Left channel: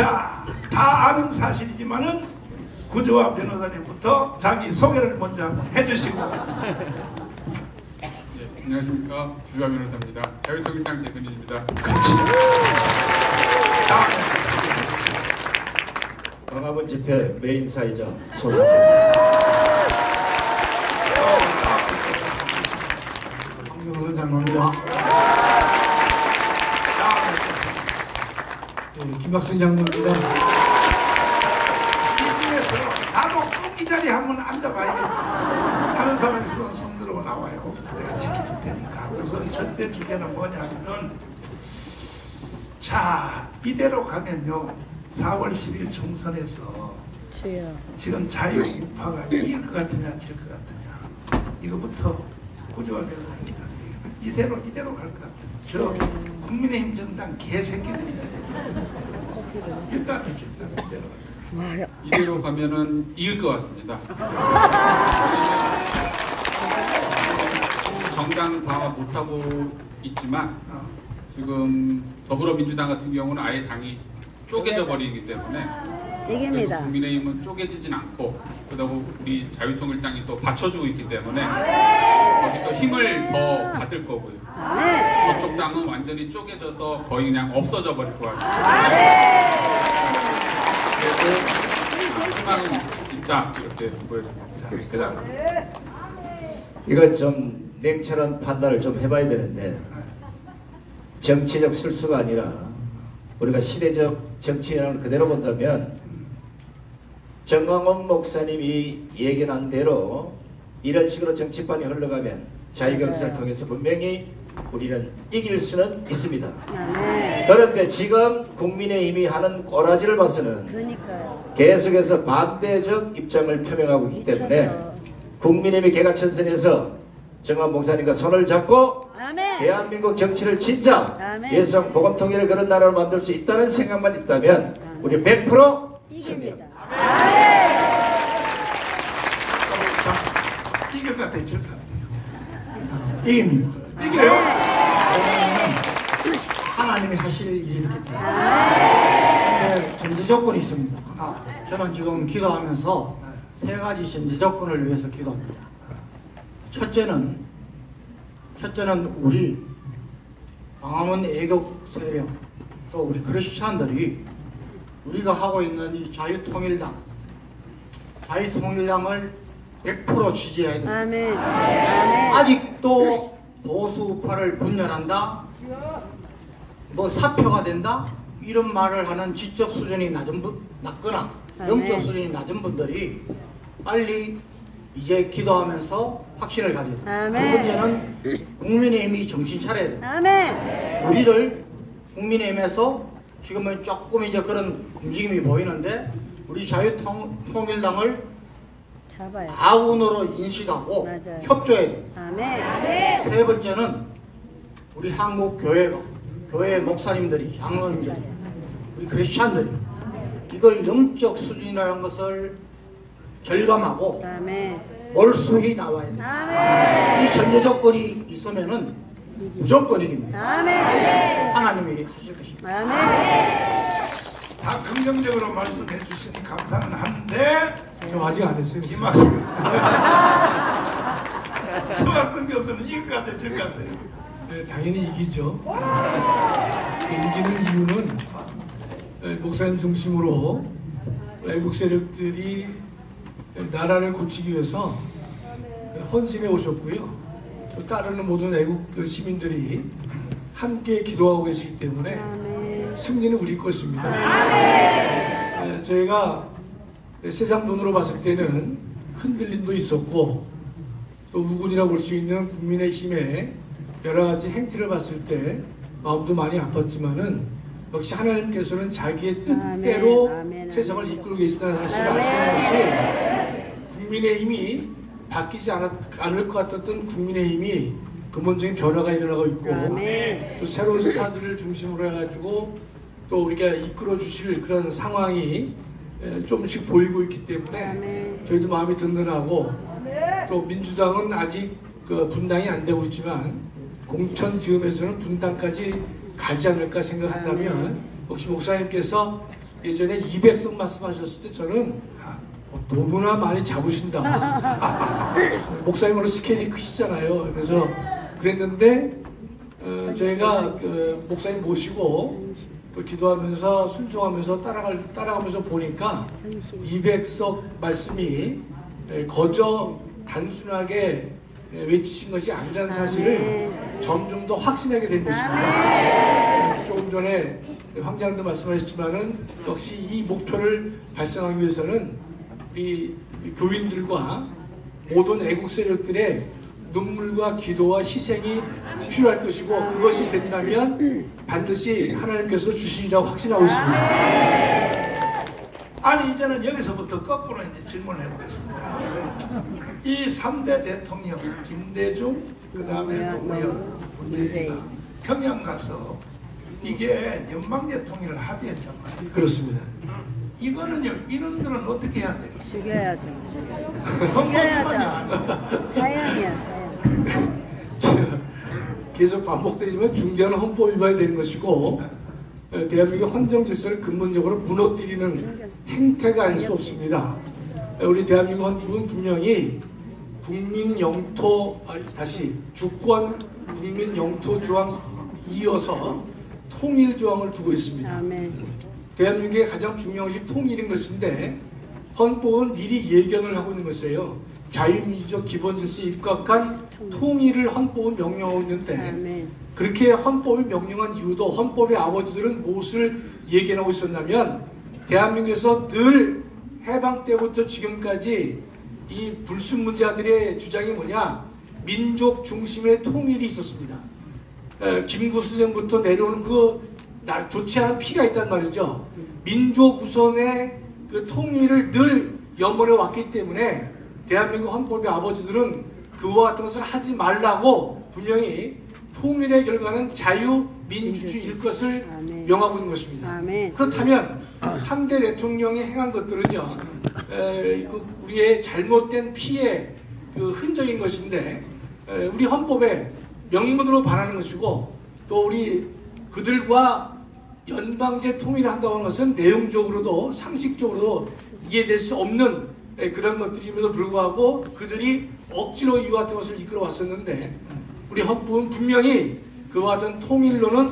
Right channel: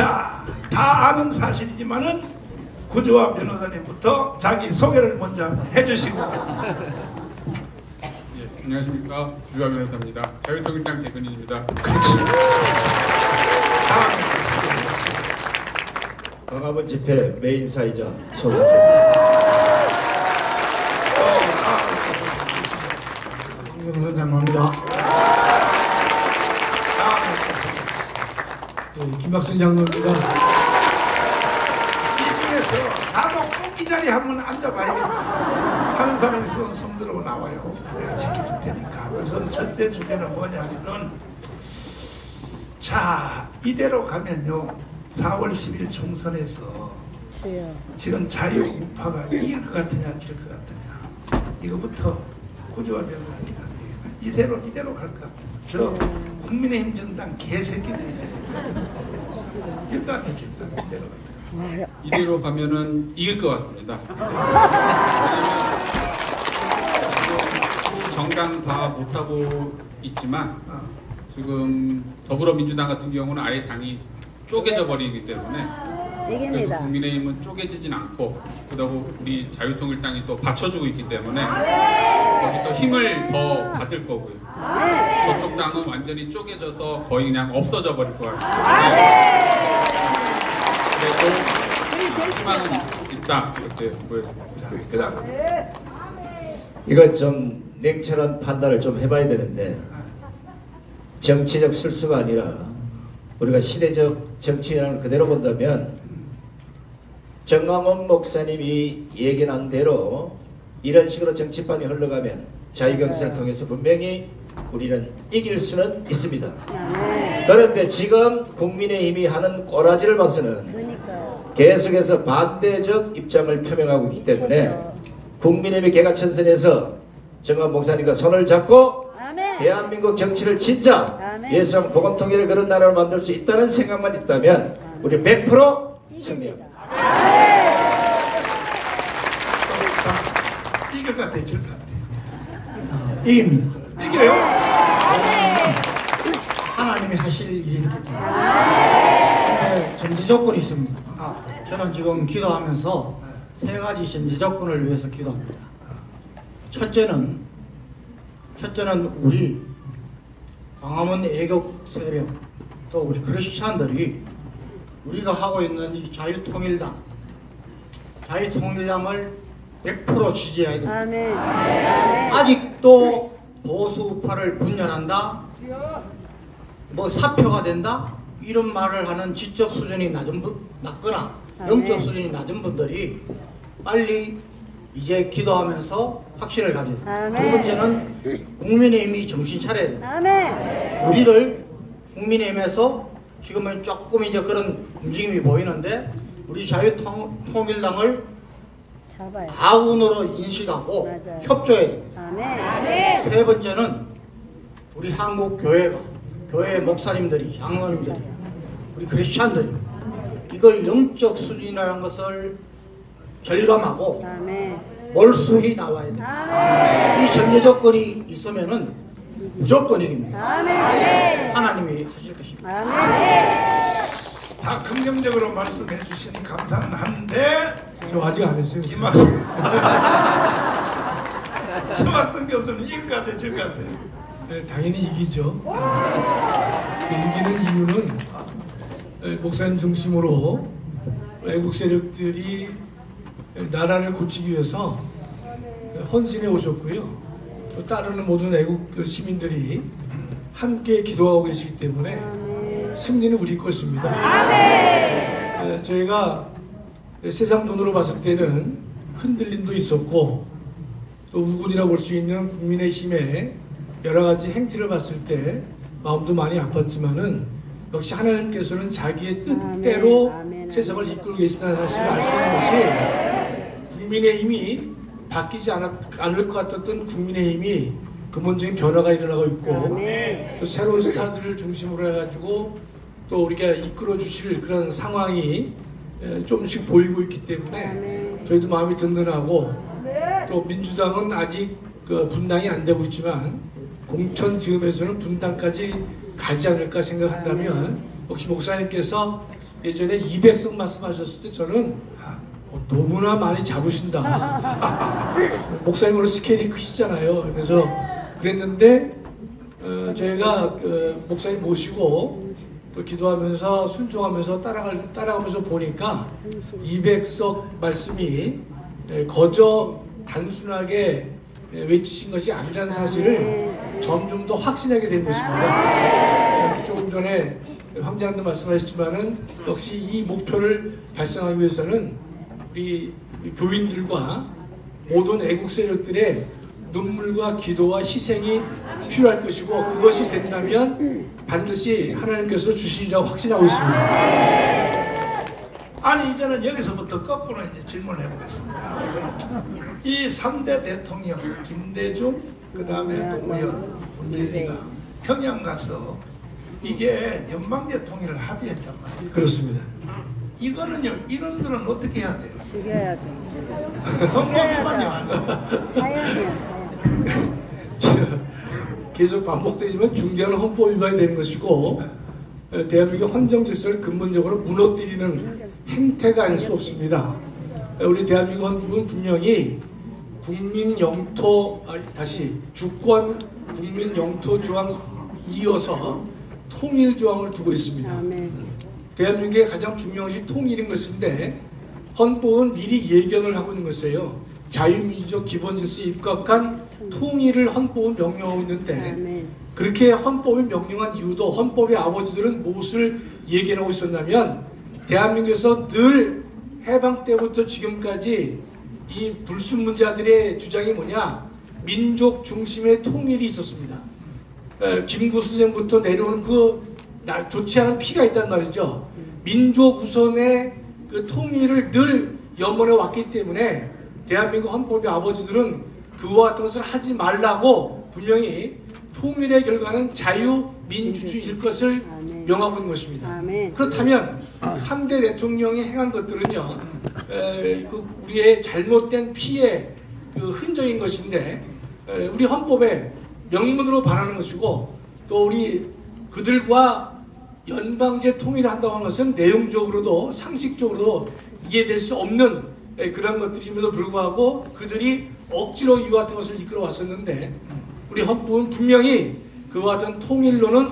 자, 다 아는 사실이지만은 구조화 변호사님부터 자기 소개를 먼저 한번 해주시고. 예, 안녕하십니까, 구조화 변호사입니다. 자유통일당 대변인입니다. 그렇지. 광화문 집회 메인사이자 소장. 김경선장로입니다. 김박순 장로입니다. 이 중에서 나도 꼭 이 자리에 한번 앉아봐야겠다 하는 사람이 있으면 손 들어 나와요. 내가 지켜줄 테니까. 우선 첫째 주제는 뭐냐면은, 자, 이대로 가면요 4월 10일 총선에서 지금 자유우파가 이길 것 같으냐 질 것 같으냐, 이거부터 구조화 변호사입니다. 이대로 갈 것 같아요. 저 국민의힘 정당 개새끼들이 질 것 같아, 질 것 같아. 이대로 가면은 이길 것 같습니다. 정당 다 못하고 있지만 지금 더불어민주당 같은 경우는 아예 당이 쪼개져 버리기 때문에 이깁니다. 국민의힘은 쪼개지진 않고, 그다음 우리 자유통일당이 또 받쳐주고 있기 때문에 거기서 힘을 더 받을 거고요. 저쪽 당은 완전히 쪼개져서 거의 그냥 없어져 버릴 것 같아요. 그래도 희망은 있다, 이렇게 보여집니다. 그다음 이거 좀 냉철한 판단을 좀 해봐야 되는데, 정치적 술수가 아니라 우리가 시대적 정치인을 그대로 본다면 정광훈 목사님이 얘기한 대로 이런 식으로 정치판이 흘러가면 자유경선을 통해서 분명히 우리는 이길 수는 있습니다. 그런데 지금 국민의힘이 하는 꼬라지를 봐서는 계속해서 반대적 입장을 표명하고 있기 때문에 국민의힘이 개가천선에서 정광훈 목사님과 손을 잡고 대한민국 정치를 진짜 예수랑 복음통일을 그런 나라를 만들 수 있다는 생각만 있다면 우리 100% 승리합니다. 이길 것 같아요, 질 것 같아요. 이깁니다. 이겨요? 하나님이 하실 일이기 때문에 전제 조건이 있습니다. 저는 지금 기도하면서 세 가지 전제 조건을 위해서 기도합니다. 첫째는 우리 광화문 애국 세력, 또 우리 크리스찬들이 우리가 하고 있는 이 자유통일당을 100% 지지해야 됩니다. 아직도 보수파를 분열한다, 뭐 사표가 된다, 이런 말을 하는 지적 수준이 낮거나 영적 수준이 낮은 분들이 빨리 이제 기도하면서 확신을 가져야 됩니다. 두 번째는 국민의힘이 정신 차려야 됩니다. 우리를 국민의힘에서 지금은 조금 이제 그런 움직임이 보이는데, 우리 자유통일당을 아군으로 인식하고 협조해야 됩니다. 세 번째는 우리 한국 교회 목사님들이, 장로님들이, 우리 크리스찬들이 이걸 영적 수준이라는 것을 절감하고 몰수히 나와야 됩니다. 이 전제 조건이 있으면은 무조건 이깁니다. 하나님이 하실 것입니다. 다 긍정적으로 말씀해 주시니 감사는 한데, 저 아직 안 했어요. 김학성 교수는 이길 것 같아요, 질 것 같아요? 네, 당연히 이기죠. 이기는 이유는 목사님 중심으로 외국 세력들이 나라를 고치기 위해서 헌신해 오셨고요. 또 따르는 모든 애국 시민들이 함께 기도하고 계시기 때문에 승리는 우리 것입니다. 저희가 세상 눈으로 봤을 때는 흔들림도 있었고, 또 우군이라고 볼 수 있는 국민의힘의 여러 가지 행태를 봤을 때 마음도 많이 아팠지만은, 역시 하나님께서는 자기의 뜻대로 세상을 이끌고 계신다는 사실을 알 수 있는 것이, 국민의힘이 바뀌지 않을 것 같았던 국민의힘이 근본적인 변화가 일어나고 있고, 또 새로운 스타들을 중심으로 해가지고 또 우리가 이끌어 주실 그런 상황이 조금씩 보이고 있기 때문에 저희도 마음이 든든하고, 또 민주당은 아직 그 분당이 안 되고 있지만 공천 즈음에서는 분당까지 가지 않을까 생각한다면, 혹시 목사님께서 예전에 200석 말씀하셨을 때 저는 너무나 많이 잡으신다. 목사님으로 스케일이 크시잖아요. 그래서 그랬는데 저희가 목사님 모시고 또 기도하면서 순종하면서 따라가면서 보니까 200석 말씀이 거저 단순하게 외치신 것이 아니라는 사실을 점점 더 확신하게 된 것입니다. 조금 전에 황장도 말씀하셨지만은 역시 이 목표를 달성하기 위해서는 우리 교인들과 모든 애국 세력들의 눈물과 기도와 희생이 필요할 것이고, 그것이 된다면 반드시 하나님께서 주시리라고 확신하고 있습니다. 아니, 이제는 여기서부터 거꾸로 이제 질문을 해보겠습니다. 이 3대 대통령 김대중, 그 다음에 노무현, 문재인이가 평양 가서 이게 연방제 통일을 합의했단 말이에요. 그렇습니다. 이거는요, 이런들은 어떻게 해야 돼요? 죽여야죠. 선거만요. 사야지요. 계속 반복되지만 중대한 헌법 위반이 되는 것이고, 대한민국 헌정 질서를 근본적으로 무너뜨리는 행태가 아닐 수 없습니다. 우리 대한민국 헌법은 분명히 주권 국민 영토 조항 이어서 통일 조항을 두고 있습니다. 대한민국의 가장 중요한 것이 통일인 것인데, 헌법은 미리 예견을 하고 있는 것이에요. 자유민주적 기본질서에 입각한 통일을 헌법은 명령하고 있는데, 그렇게 헌법이 명령한 이유도 헌법의 아버지들은 무엇을 예견하고 있었냐면, 대한민국에서 늘 해방 때부터 지금까지 이 불순문자들의 주장이 뭐냐, 민족 중심의 통일이 있었습니다. 김구수령부터 내려오는 좋지 않은 피가 있단 말이죠. 민족 우선의 그 통일을 늘 염원해 왔기 때문에 대한민국 헌법의 아버지들은 그와 같은 것을 하지 말라고 분명히 통일의 결과는 자유민주주의일 것을 명하고 있는 것입니다. 그렇다면 3대 대통령이 행한 것들은요, 우리의 잘못된 피의 그 흔적인 것인데, 우리 헌법에 명문으로 반하는 것이고, 또 우리 그들과 연방제 통일을 한다고 하는 것은 내용적으로도 상식적으로도 이해될 수 없는 그런 것들임에도 불구하고 그들이 억지로 이와 같은 것을 이끌어 왔었는데, 우리 헌법은 분명히 그와 같은 통일로는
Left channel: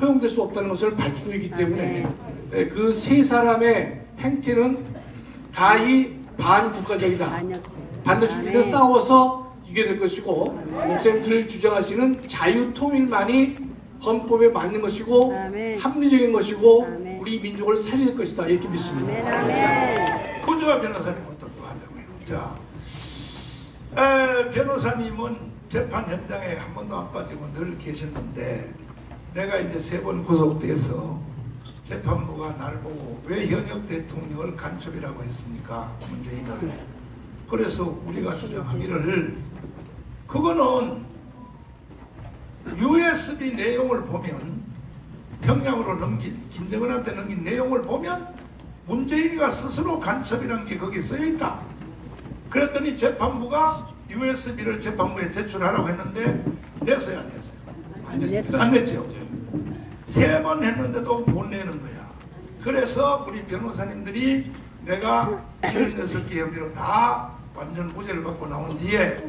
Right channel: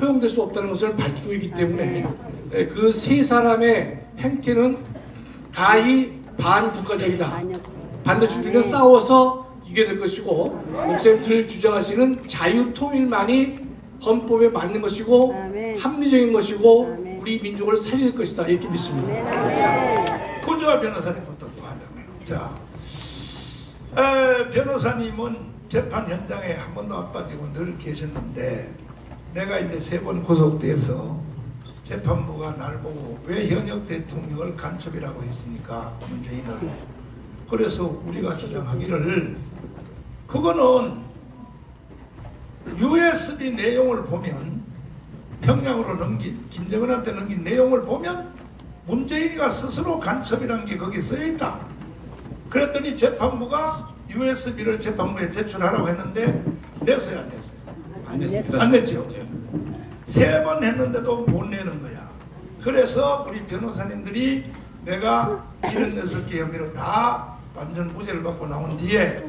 허용될 수 없다는 것을 밝히고 있기 때문에 그 세 사람의 행태는 가히 반국가적이다. 반드시 우리는 싸워서 이겨야 될 것이고, 목사님들 주장하시는 자유통일만이 헌법에 맞는 것이고 합리적인 것이고 우리 민족을 살릴 것이다, 이렇게 믿습니다. 구주와 변호사님 어떻게 하냐고요? 자, 변호사님은 재판 현장에 한 번도 안 빠지고 늘 계셨는데, 내가 이제 3번 구속돼서 재판부가 날 보고 왜 현역 대통령을 간첩이라고 했습니까? 문재인을. 그래서 우리가 주장하기를, 그거는 USB 내용을 보면, 평양으로 김정은한테 넘긴 내용을 보면 문재인이가 스스로 간첩이라는 게 거기 써있다. 그랬더니 재판부가 USB를 재판부에 제출하라고 했는데 냈어요, 안 냈어요? 안 냈습니다. 안 냈죠. 3번 했는데도 못 내는 거야. 그래서 우리 변호사님들이 내가 76개 혐의로 다 완전 무죄를 받고 나온 뒤에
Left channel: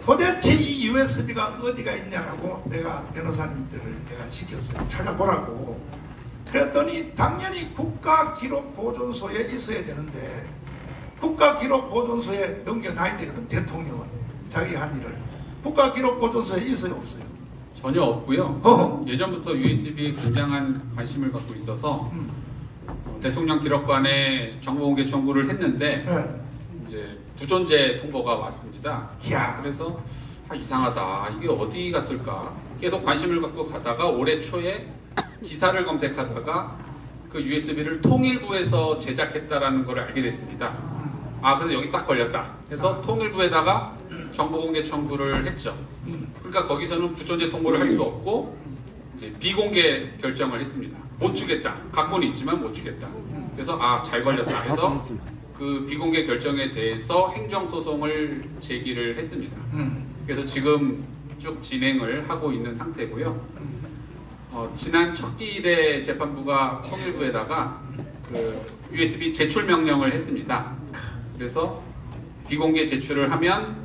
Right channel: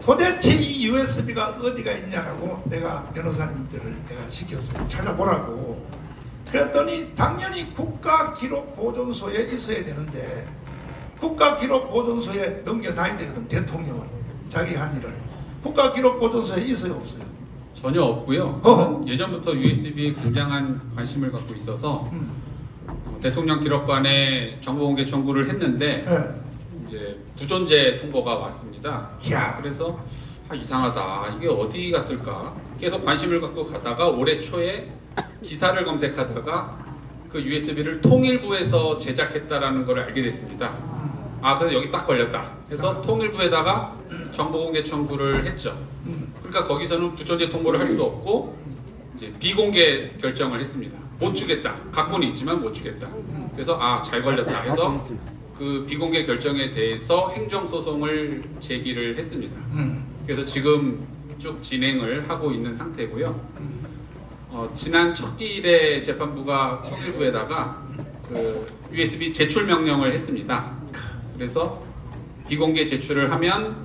도대체 이 USB가 어디가 있냐라고 내가 변호사님들을 내가 시켰어요. 찾아보라고. 그랬더니 당연히 국가기록보존소에 있어야 되는데, 국가기록보존소에 넘겨놔야 되거든, 대통령은. 자기 한 일을. 국가기록보존소에 있어요, 없어요? 전혀 없고요. 예전부터 USB에 굉장한 관심을 갖고 있어서 대통령 기록관에 정보공개 청구를 했는데 이제 부존재 통보가 왔습니다. 그래서 이상하다, 이게 어디 갔을까 계속 관심을 갖고 가다가 올해 초에 기사를 검색하다가 그 USB를 통일부에서 제작했다라는 걸 알게 됐습니다. 그래서 여기 딱 걸렸다. 그래서 통일부에다가 정보공개 청구를 했죠. 그러니까 거기서는 부존재 통보를 할 수 없고 이제 비공개 결정을 했습니다. 못 주겠다. 각본이 있지만 못 주겠다. 그래서 잘 걸렸다 해서 그 비공개 결정에 대해서 행정소송을 제기를 했습니다. 그래서 지금 쭉 진행을 하고 있는 상태고요. 지난 첫 기일에 재판부가 통일부에다가 그 USB 제출 명령을 했습니다. 그래서 비공개 제출을 하면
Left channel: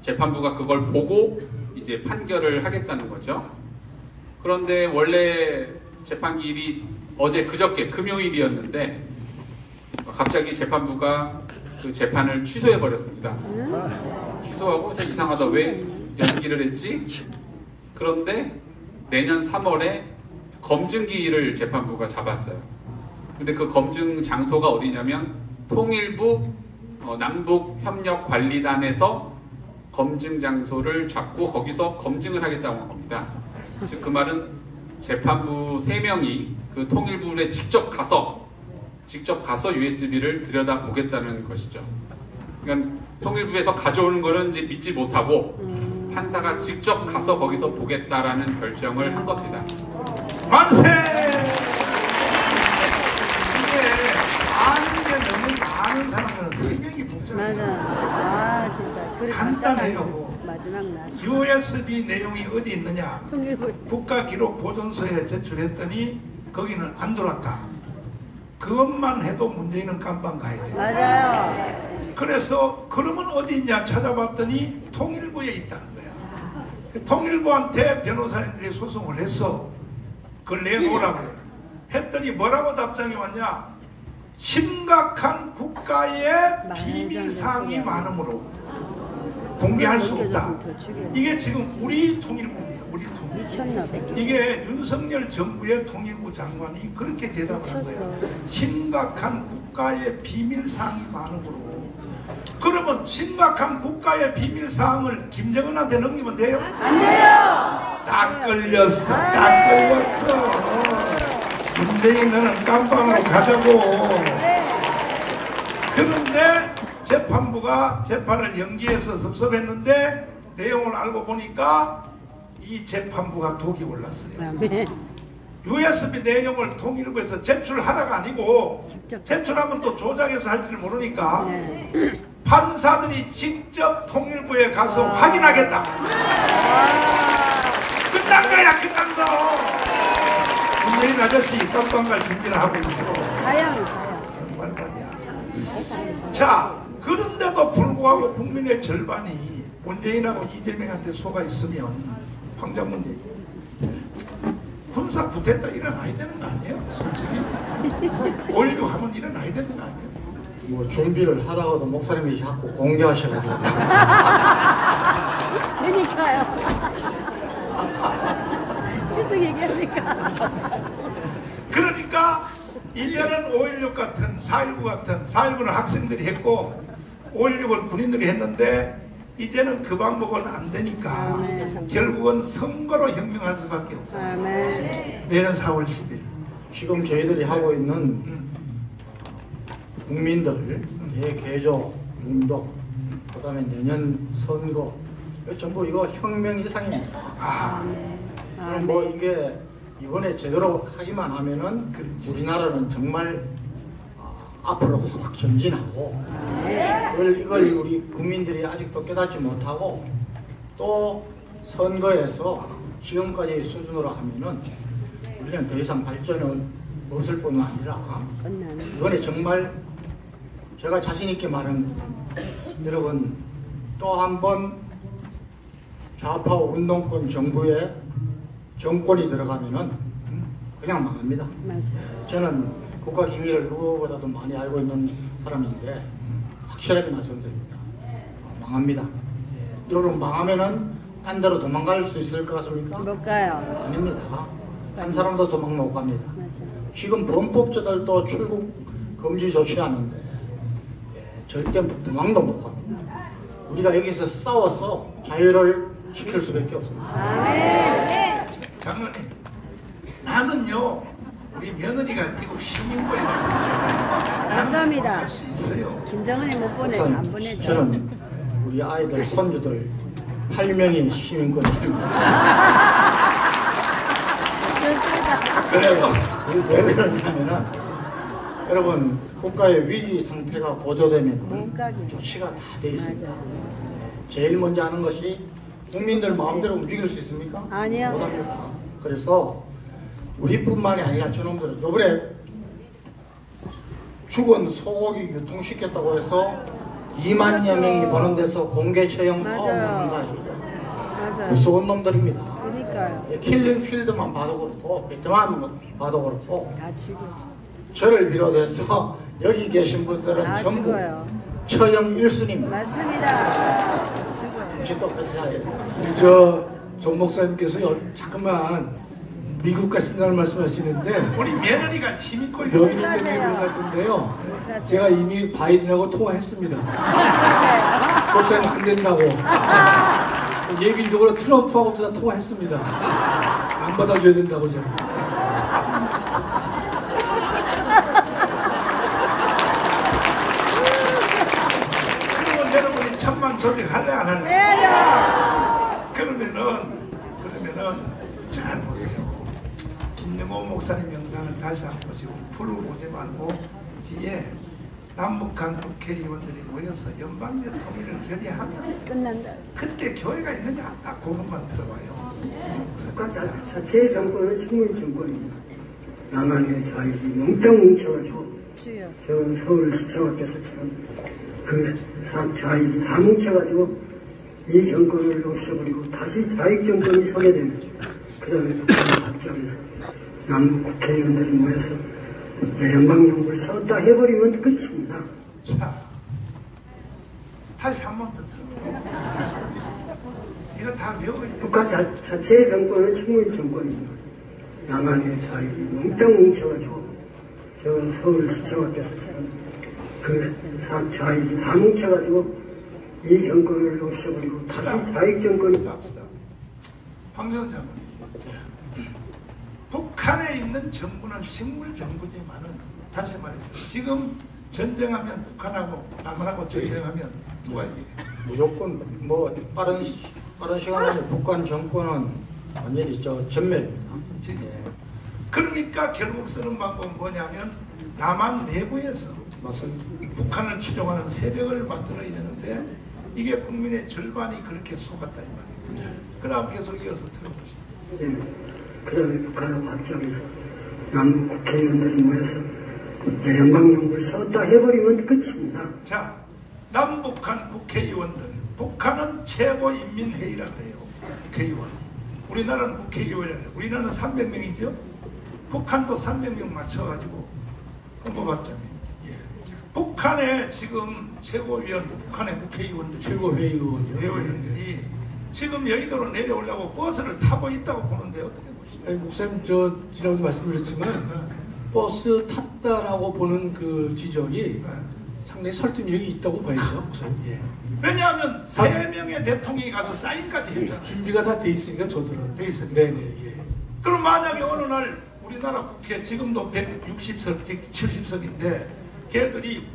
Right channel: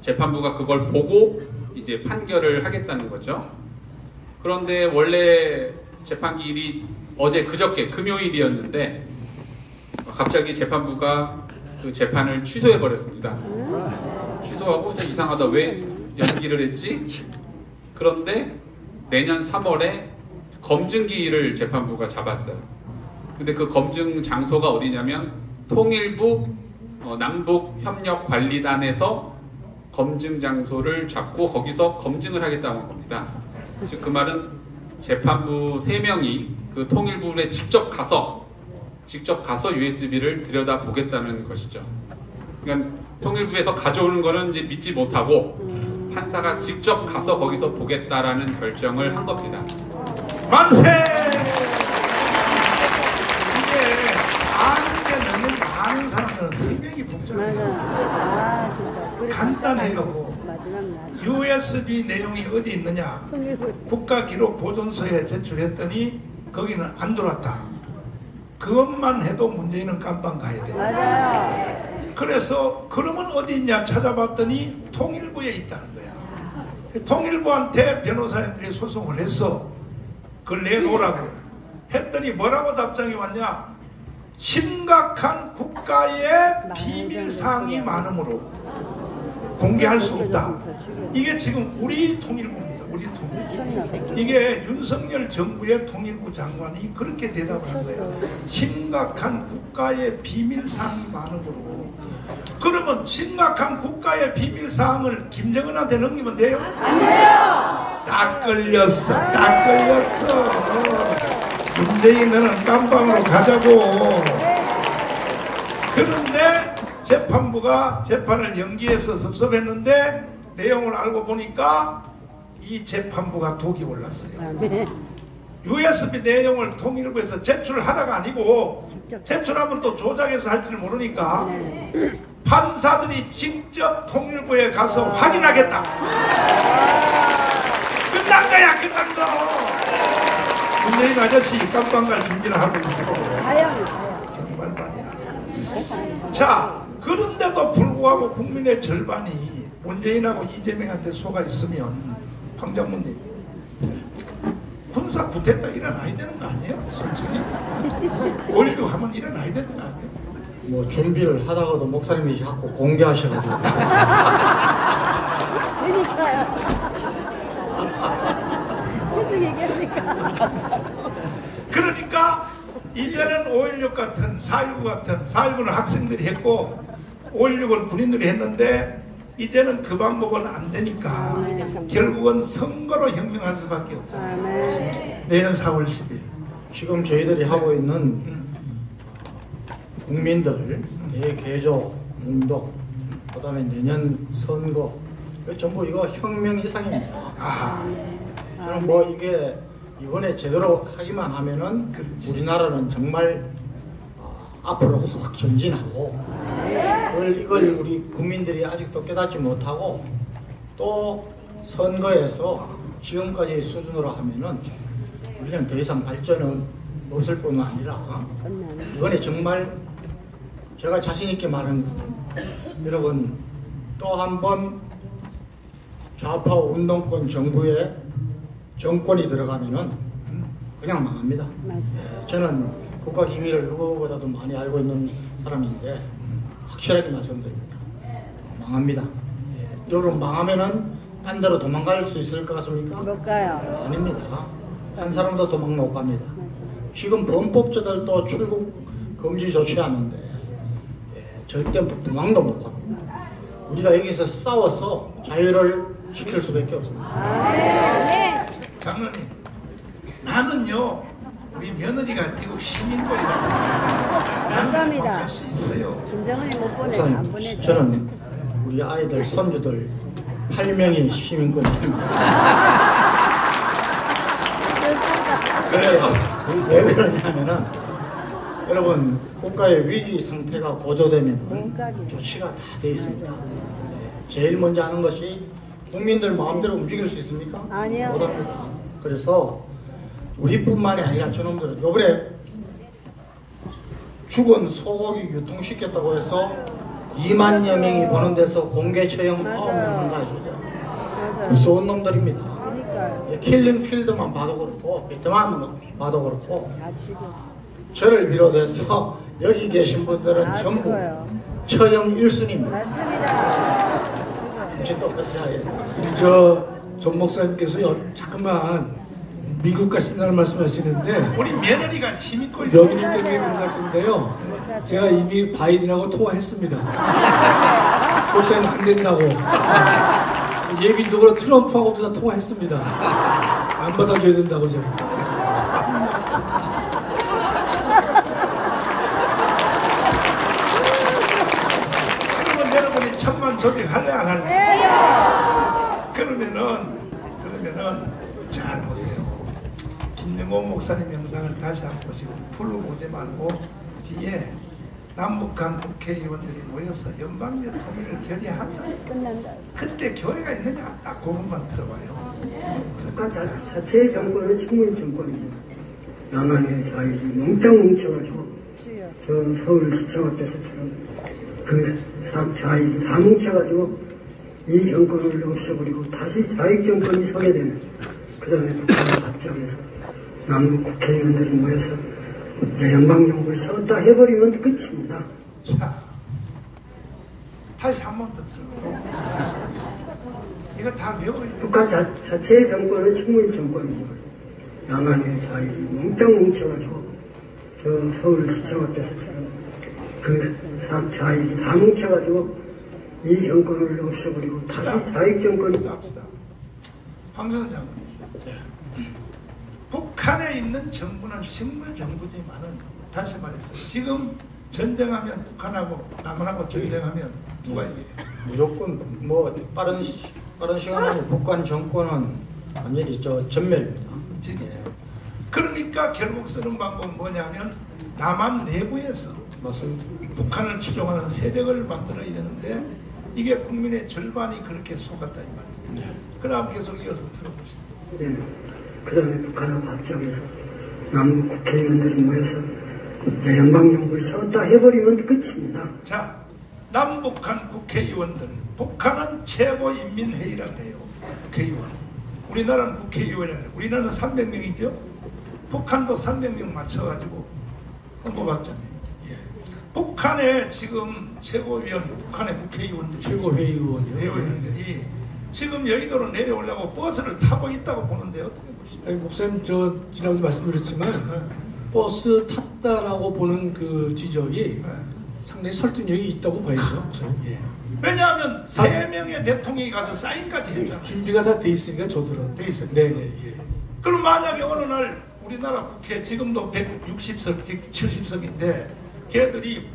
재판부가 그걸 보고 이제 판결을 하겠다는 거죠. 그런데 원래 재판기일이 어제 그저께 금요일이었는데 갑자기 재판부가 그 재판을 취소해 버렸습니다. 취소하고 저 이상하다, 왜 연기를 했지? 그런데 내년 3월에 검증기일을 재판부가 잡았어요. 근데 그 검증 장소가 어디냐면 통일부 남북협력관리단에서 검증 장소를 잡고 거기서 검증을 하겠다고 한 겁니다. 즉 그 말은 재판부 3명이 그 통일부에 직접 가서 USB를 들여다보겠다는 것이죠. 그러니까 통일부에서 가져오는 거는 이제 믿지 못하고 판사가 직접 가서 거기서 보겠다라는 결정을 한 겁니다. 만세! 이게 아는 게 너무 많은 사람들은 설명이 복잡해요. 아, 진짜. 간단해요. 마지막 날. USB 내용이 어디 있느냐? 통일부. 국가기록보존소에 제출했더니 거기는 안 들어왔다. 그것만 해도 문재인은 깜빵 가야 돼요. 맞아요. 그래서 그러면 어디 있냐 찾아봤더니 통일부에 있다는 거야. 통일부한테 변호사님들이 소송을 했어. 그걸 내놓으라고 했더니 뭐라고 답장이 왔냐? 심각한 국가의 비밀사항이 많으므로 공개할 수 없다. 이게 지금 우리 통일부입니다. 우리 통일부. 이게 윤석열 정부의 통일부 장관이 그렇게 대답을 한 거야. 심각한 국가의 비밀사항이 많으므로. 그러면 심각한 국가의 비밀사항을 김정은한테 넘기면 돼요? 안 돼요! 딱 걸렸어. 딱 걸렸어. 문재인 너는 깜빵으로 가자고. 그런데 재판부가 재판을 연기해서 섭섭했는데 내용을 알고 보니까 이 재판부가 독이 올랐어요. USB 내용을 통일부에서 제출하다가 아니고 제출하면 또 조작해서 할 줄 모르니까 판사들이 직접 통일부에 가서 확인하겠다. 끝난 거야, 끝난 거. 문재인 아저씨 깜빵 갈 준비를 하고 있어. 정말 말이야. 자, 그런데도 불구하고 국민의 절반이 문재인하고 이재명한테 속아 있으면 황 장모님 군사 구태타 일어나야 되는 거 아니에요? 솔직히 5.16 하면 일어나야 되는 거 아니에요? 뭐 준비를 하다가도 목사님이 자꾸 공개하셔가지고 그러니까요. 계속 얘기하니까. 그러니까 이제는 5.16 같은 4.19 같은 4.19는 학생들이 했고 5.16은 군인들이 했는데 이제는 그 방법은 안 되니까 결국은 선거로 혁명할 수밖에 없잖아요. 내년 4월 10일 지금 저희들이 하고 있는 국민들 대개조 운동, 그 다음에 내년 선거, 전부 이거 혁명 이상입니다. 그럼 뭐 이게 이번에 제대로 하기만 하면은 우리나라는 정말 앞으로 확 전진하고, 이걸 우리 국민들이 아직도 깨닫지 못하고 또 선거에서 지금까지의 수준으로 하면은 우리는 더 이상 발전은 없을 뿐만 아니라 이번에 정말 제가 자신 있게 말하는 여러분 또 한 번 좌파 운동권 정부의 정권이 들어가면은 그냥 망합니다. 저는 국가 기밀을 누구보다도 많이 알고 있는 사람인데 확실하게 말씀드립니다. 망합니다. 여러분 망하면은 딴 데로 도망갈 수 있을 것 같습니까? 못 가요. 아닙니다. 한 사람도 도망 못 갑니다. 지금 범법자들도 출국 금지 조치하는데 절대 도망도 못 갑니다. 우리가 여기서 싸워서 자유를 지킬 수밖에 없습니다. 장로님, 나는요 우리 며느리가 미국 시민권이라서 나는 도망갈 수 있어요. 김정은이 못 보내요. 안 보내죠. 저는 우리 아이들 손주들 8명이 시민권입니다. 그래서 왜 그러냐면은 여러분 국가의 위기 상태가 고조되면 조치가 다 돼 있습니다. 제일 먼저 하는 것이 국민들 마음대로 움직일 수 있습니까? 아니요. 못합니다. 그래서 우리뿐만이 아니라 저놈들은 요번에 죽은 소고기 유통시켰다고 해서 2만여 명이 보는 데서 공개 처형 9명 한 사실이죠. 무서운 놈들입니다. 그러니까요. 킬링 필드만 봐도 그렇고 베트남 봐도 그렇고 다 죽여줘. 저를 비롯해서 여기 계신 분들은 다 전부 죽어요. 처형 1순위입니다. 맞습니다. 죽어요. 혹시 똑같이 해야 정 목사님께서 잠깐만 미국 가신다는 말씀하시는데 우리 며느리가 힘이 있고 며느리 때문에 그런 것 같은데요. 제가 이미 바이든하고 통화했습니다. 목사님 안 된다고. 예비적으로 트럼프하고도 다 통화했습니다. 안 받아줘야 된다고 제가. 그러면 여러분이 천만 조직할래 안 할래? 그러면은 잘 보세요. 김영호 목사님 영상을 다시 한번 보시고 풀로 보지 말고 뒤에 남북한 국회의원들이 모여서 연방제 통일을 결의하면 끝난다. 그때 교회가 있느냐 딱 그것만 들어봐요. 국가 자체의 정권은 식물 정권이지만 남한의 자익이 몽땅 뭉쳐가지고 주여. 저 서울시청 앞에서처럼 그 자익이 다 뭉쳐가지고 이 정권을 없애버리고 다시 자익 정권이 서게 되면 그 다음에 북한의 앞장에서 남북 국회의원들이 모여서 이제 연방정부를 세웠다 해버리면 끝입니다. 자, 다시 한 번 더 들어봐요. 이거 다 외워야 돼. 국가 자체의 정권은 식물 정권이지만 남한의 자익이 몽땅 뭉쳐가지고 저 서울시청 앞에서처럼 그 자익이 다 뭉쳐가지고 이 정권을 없애버리고 다시 자익 정권이 합시다. 황교안 장관님. 북한에 있는 정부는 식물 정부지만은 다시 말해서 지금 전쟁하면 북한하고 남한하고 전쟁하면 누가 이겨요? 무조건 뭐 빠른 시간 안에 북한 정권은 완전히 전멸입니다. 그러니까 결국 쓰는 방법은 뭐냐면 남한 내부에서 맞습니다. 북한을 추종하는 세력을 만들어야 되는데 이게 국민의 절반이 그렇게 속았다 이 말이에요. 그 다음 계속 이어서 들어보시죠. 그 다음에 북한하고 합작해서 남북 국회의원들이 모여서 이제 연방정부를 세웠다 해버리면 끝입니다. 자, 남북한 국회의원들, 북한은 최고인민회의라 그래요. 국회의원. 우리나라는 국회의원이라 그래요. 우리나라는 300명이죠. 북한도 300명 맞춰가지고 뽑았잖아요. 북한의 지금 최고위원, 북한의 국회의원들, 최고회의원이요. 회의원들이 지금 여의도로 내려오려고 버스를 타고 있다고 보는데 어떻게 보시죠? 아니, 목사님 지난번에 말씀드렸지만 버스 탔다라고 보는 그 지적이 상당히 설득력이 있다고 봐야죠. 목사님. 예. 왜냐하면 3명의 대통령이 가서 사인까지 했잖아요. 준비가 다 돼 있으니까 저들은. 돼 있어요. 네네. 예. 그럼 만약에 어느 날 우리나라 국회 지금도 160석, 170석인데 걔들이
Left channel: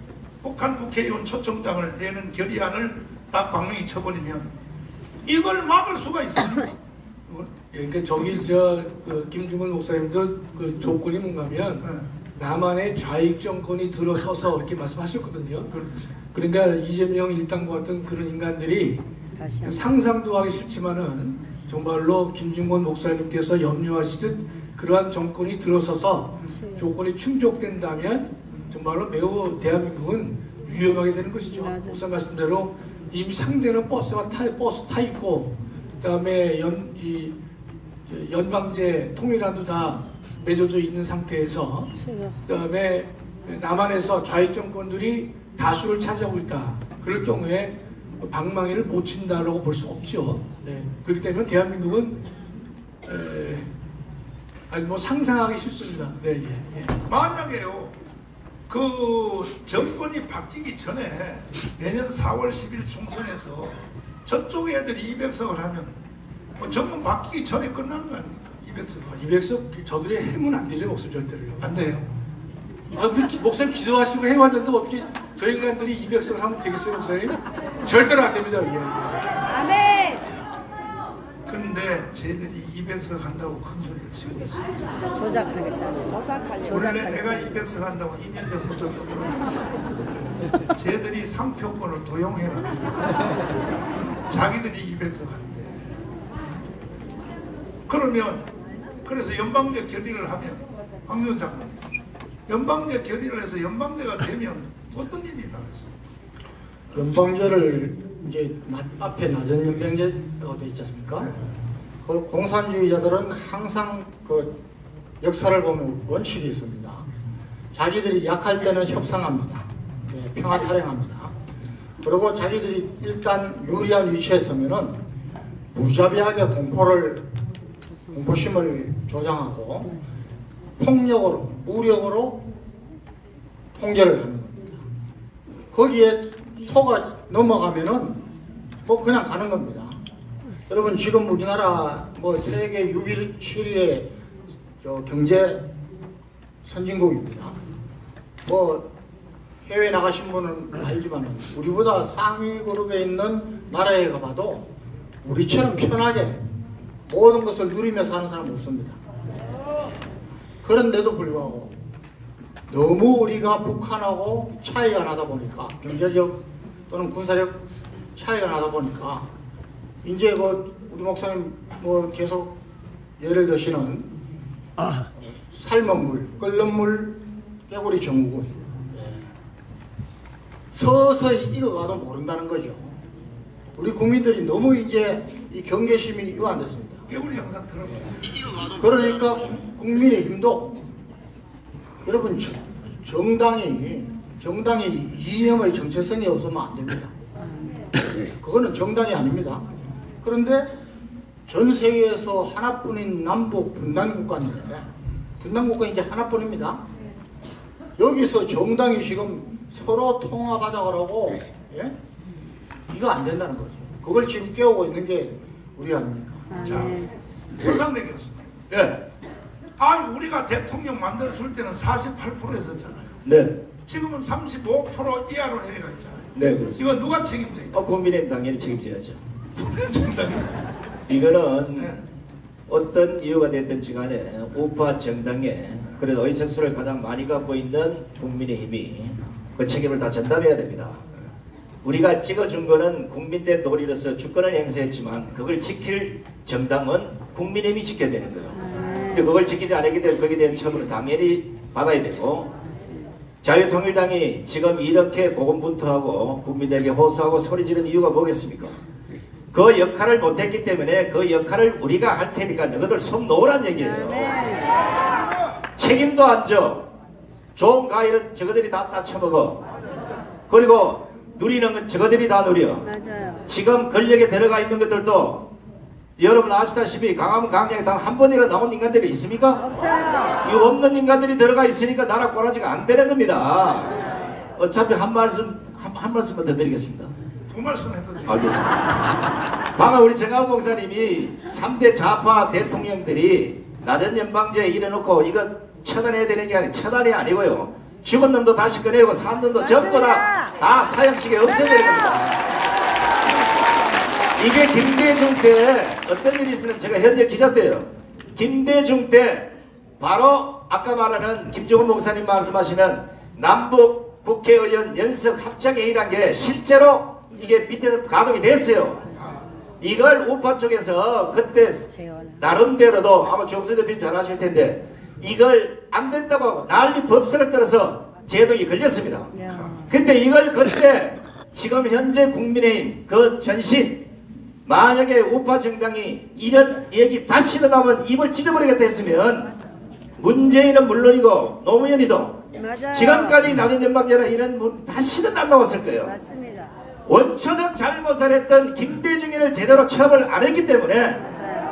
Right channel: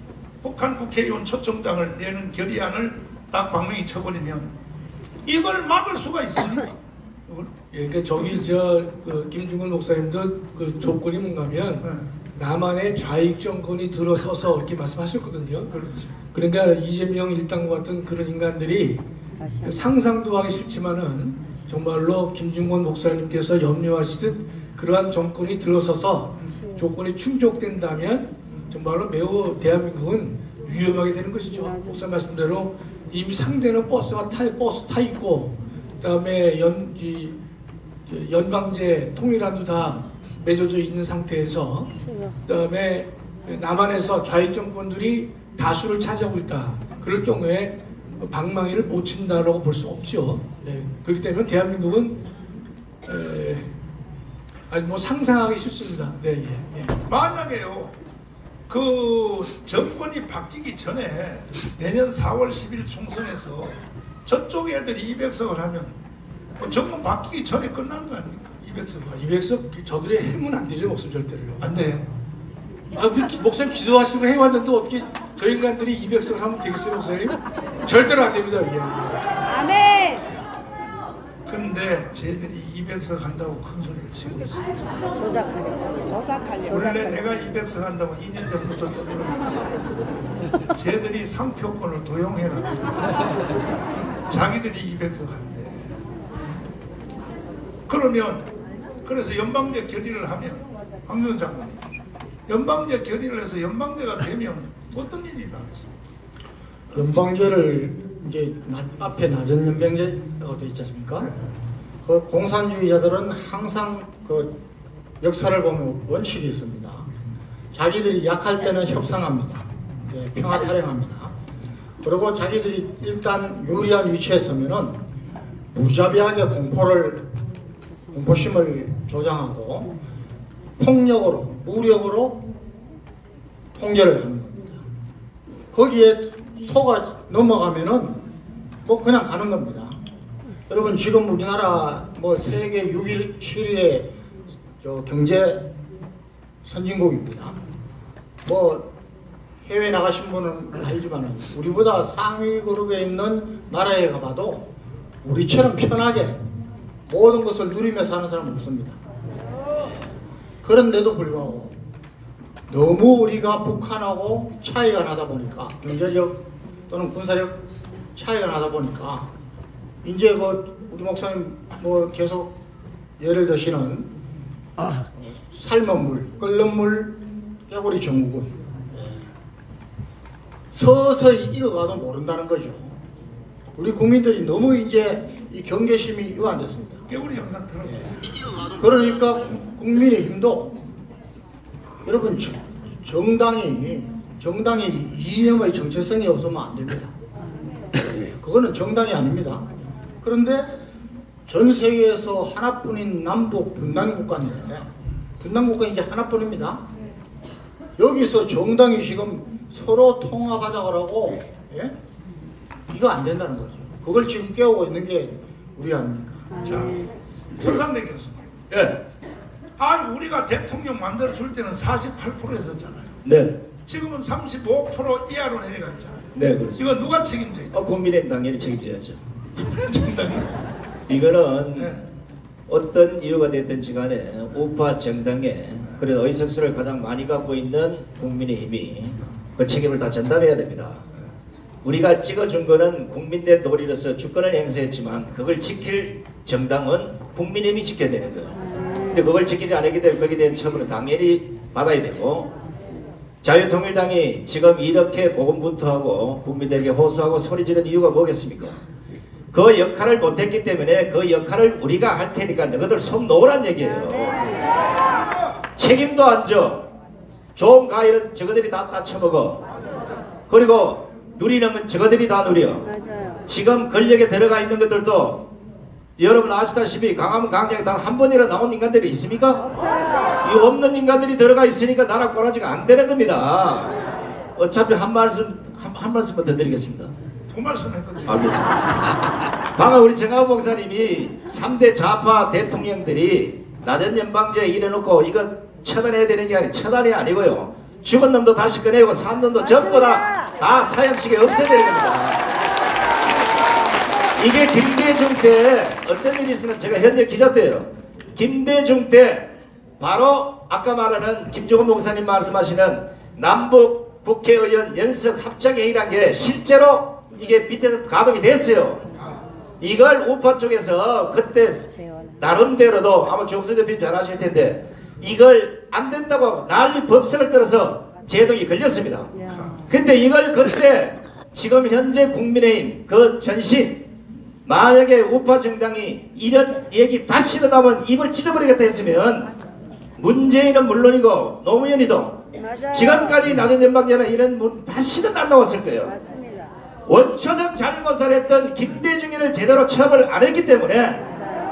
북한 국회의원 초청장을 내는 결의안을 딱 방망이 쳐버리면 이걸 막을 수가 있습니까? 예, 그러니까 저기 그 김중근 목사님도 그 조건이 뭔가면 남한의 좌익 정권이 들어서서 이렇게 말씀하셨거든요. 그러니까 이재명 일당과 같은 그런 인간들이 상상도 하기 싫지만은 정말로 김중근 목사님께서 염려하시듯 그러한 정권이 들어서서 조건이 충족된다면 정말로 매우 대한민국은 위험하게 되는 것이죠. 목사 말씀대로 이미 상대는 버스 타 있고 그다음에 연방제 통일안도 다 맺어져 있는 상태에서 그다음에 남한에서 좌익 정권들이 다수를 차지하고 있다. 그럴 경우에 방망이를 못 친다라고 볼 수 없죠. 네. 그렇기 때문에 대한민국은 아니 뭐 상상하기 싫습니다. 네, 예, 예. 만약에요, 그 정권이 바뀌기 전에 내년 4월 10일 총선에서 저쪽 애들이 200석을 하면 정권 바뀌기 전에 끝나는 거 아닙니까? 200석. 200석 저들이 해면 안 되죠, 목사님 절대로요. 안 돼요. 우리 목사님 기도하시고 해왔는데 어떻게 저 인간들이 200석을 하면 되겠어요, 목사님? 절대로 안 됩니다. 예. 아멘. 근데 쟤들이 200석 한다고 큰 소리를 치고 있어요. 조작하겠다. 원래 내가 200석 한다고 2년 전부터 떠들었는데 쟤들이 상표권을 도용해놨어요. 자기들이 200석 한대. 그러면 그래서 연방제 결의를 하면 황교안 장관님 연방제 결의를 해서 연방제가 되면 어떤 일이 일어나겠어? 연방제를 이제 앞에 낮은 연방제가 되어 있지 않습니까? 그 공산주의자들은 항상 그 역사를 보면 원칙이 있습니다. 자기들이 약할 때는 협상합니다. 네, 평화 탈행합니다. 그리고 자기들이 일단 유리한 위치에 서면은 무자비하게 공포심을 조장하고 폭력으로, 무력으로 통제를 하는 겁니다. 거기에 속아 넘어가면은 뭐 그냥 가는 겁니다. 여러분 지금 우리나라 뭐 세계 6위, 7위의 경제 선진국입니다. 뭐 해외 나가신 분은 알지만은 우리보다 상위 그룹에 있는 나라에 가봐도 우리처럼 편하게 모든 것을 누리며 사는 사람은 없습니다. 그런데도 불구하고 너무 우리가 북한하고 차이가 나다 보니까 경제적 또는 군사력 차이가 나다 보니까 이제 그 우리 목사님 뭐 계속 예를 드시는 삶은 물, 끓는 물, 깨구리 정국은 서서히 익어가도 모른다는 거죠. 우리 국민들이 너무 이제 이 경계심이 이완됐습니다. 깨구리 영상 들어봐요. 그러니까 국민의힘도 여러분 정당이 이념의 정체성이 없으면 안 됩니다. 그거는 정당이 아닙니다. 그런데 전 세계에서 하나뿐인 남북 분단국가인데 분단국가 이제 하나뿐입니다. 여기서 정당이 지금 서로 통합하자고 예? 이거 안 된다는 거죠. 그걸 지금 깨우고 있는 게 우리 아닙니까? 자, 설상대 교수님. 예. 아니 우리가 대통령 만들어 줄 때는 48%였었잖아요. 네. 지금은 35% 이하로 내려가 있잖아요. 네, 그렇습니다. 이거 누가 책임져 있죠? 국민의힘 당연히 책임져야죠. 이거는 네. 어떤 이유가 됐든지 간에 우파 정당에 그래도 의석수를 가장 많이 갖고 있는 국민의힘이 그 책임을 다 전담해야 됩니다. 우리가 찍어준 거는 국민대 도리로서 주권을 행사했지만 그걸 지킬 정당은 국민의힘이 지켜야 되는 거예요. 근데 그걸 지키지 않았기 때문에 거기에 대한 처벌은 당연히 받아야 되고 자유통일당이 지금 이렇게 고군분투하고 국민들에게 호소하고 소리지르는 이유가 뭐겠습니까? 그 역할을 못했기 때문에 그 역할을 우리가 할 테니까 너희들 손 놓으란 얘기예요. 책임도 안 져. 좋은 과일은 저거들이 다 따쳐먹어. 그리고 누리는 건 저거들이 다 누려. 맞아요. 지금 권력에 들어가 있는 것들도 여러분 아시다시피 강화문 광장에 단 한 번이라 나온 인간들이 있습니까? 없어요. 이 없는 인간들이 들어가 있으니까 나라 꼬라지가 안 되는 겁니다. 어차피 한 말씀만 더 드리겠습니다. 두 말씀 해도 돼요. 알겠습니다. 방금 우리 정하우 목사님이 3대 좌파 대통령들이 낮은 연방제 이래놓고 이거 처단해야 되는 게 아니고 처단이 아니고요. 죽은 놈도 다시 꺼내고 산 놈도 전부 다 사형식에 없애야 되는 겁니다. 이게 김대중 때 어떤 일이 있으면 제가 현대 기자 때예요. 김대중 때 바로 아까 말하는 김종훈 목사님 말씀하시는 남북 국회의원 연석 합작회의란 게 실제로 이게 밑에서 가동이 됐어요. 이걸 우파 쪽에서 그때 나름대로도 아마 정수 대표님 잘 아실 텐데 이걸 안 된다고 하고 난리 법석을 떨어서 제동이 걸렸습니다. 근데 이걸 그때 지금 현재 국민의힘 그 전신 만약에 우파 정당이 이런 얘기 다시 나오면 입을 찢어버리겠다 했으면 문재인은 물론이고 노무현이도 맞아요. 지금까지 낮은 연방제나 이런 분 다시는 안 나왔을 거예요. 맞습니다. 원초적 잘못을 했던 김대중이를 제대로 처벌 안 했기 때문에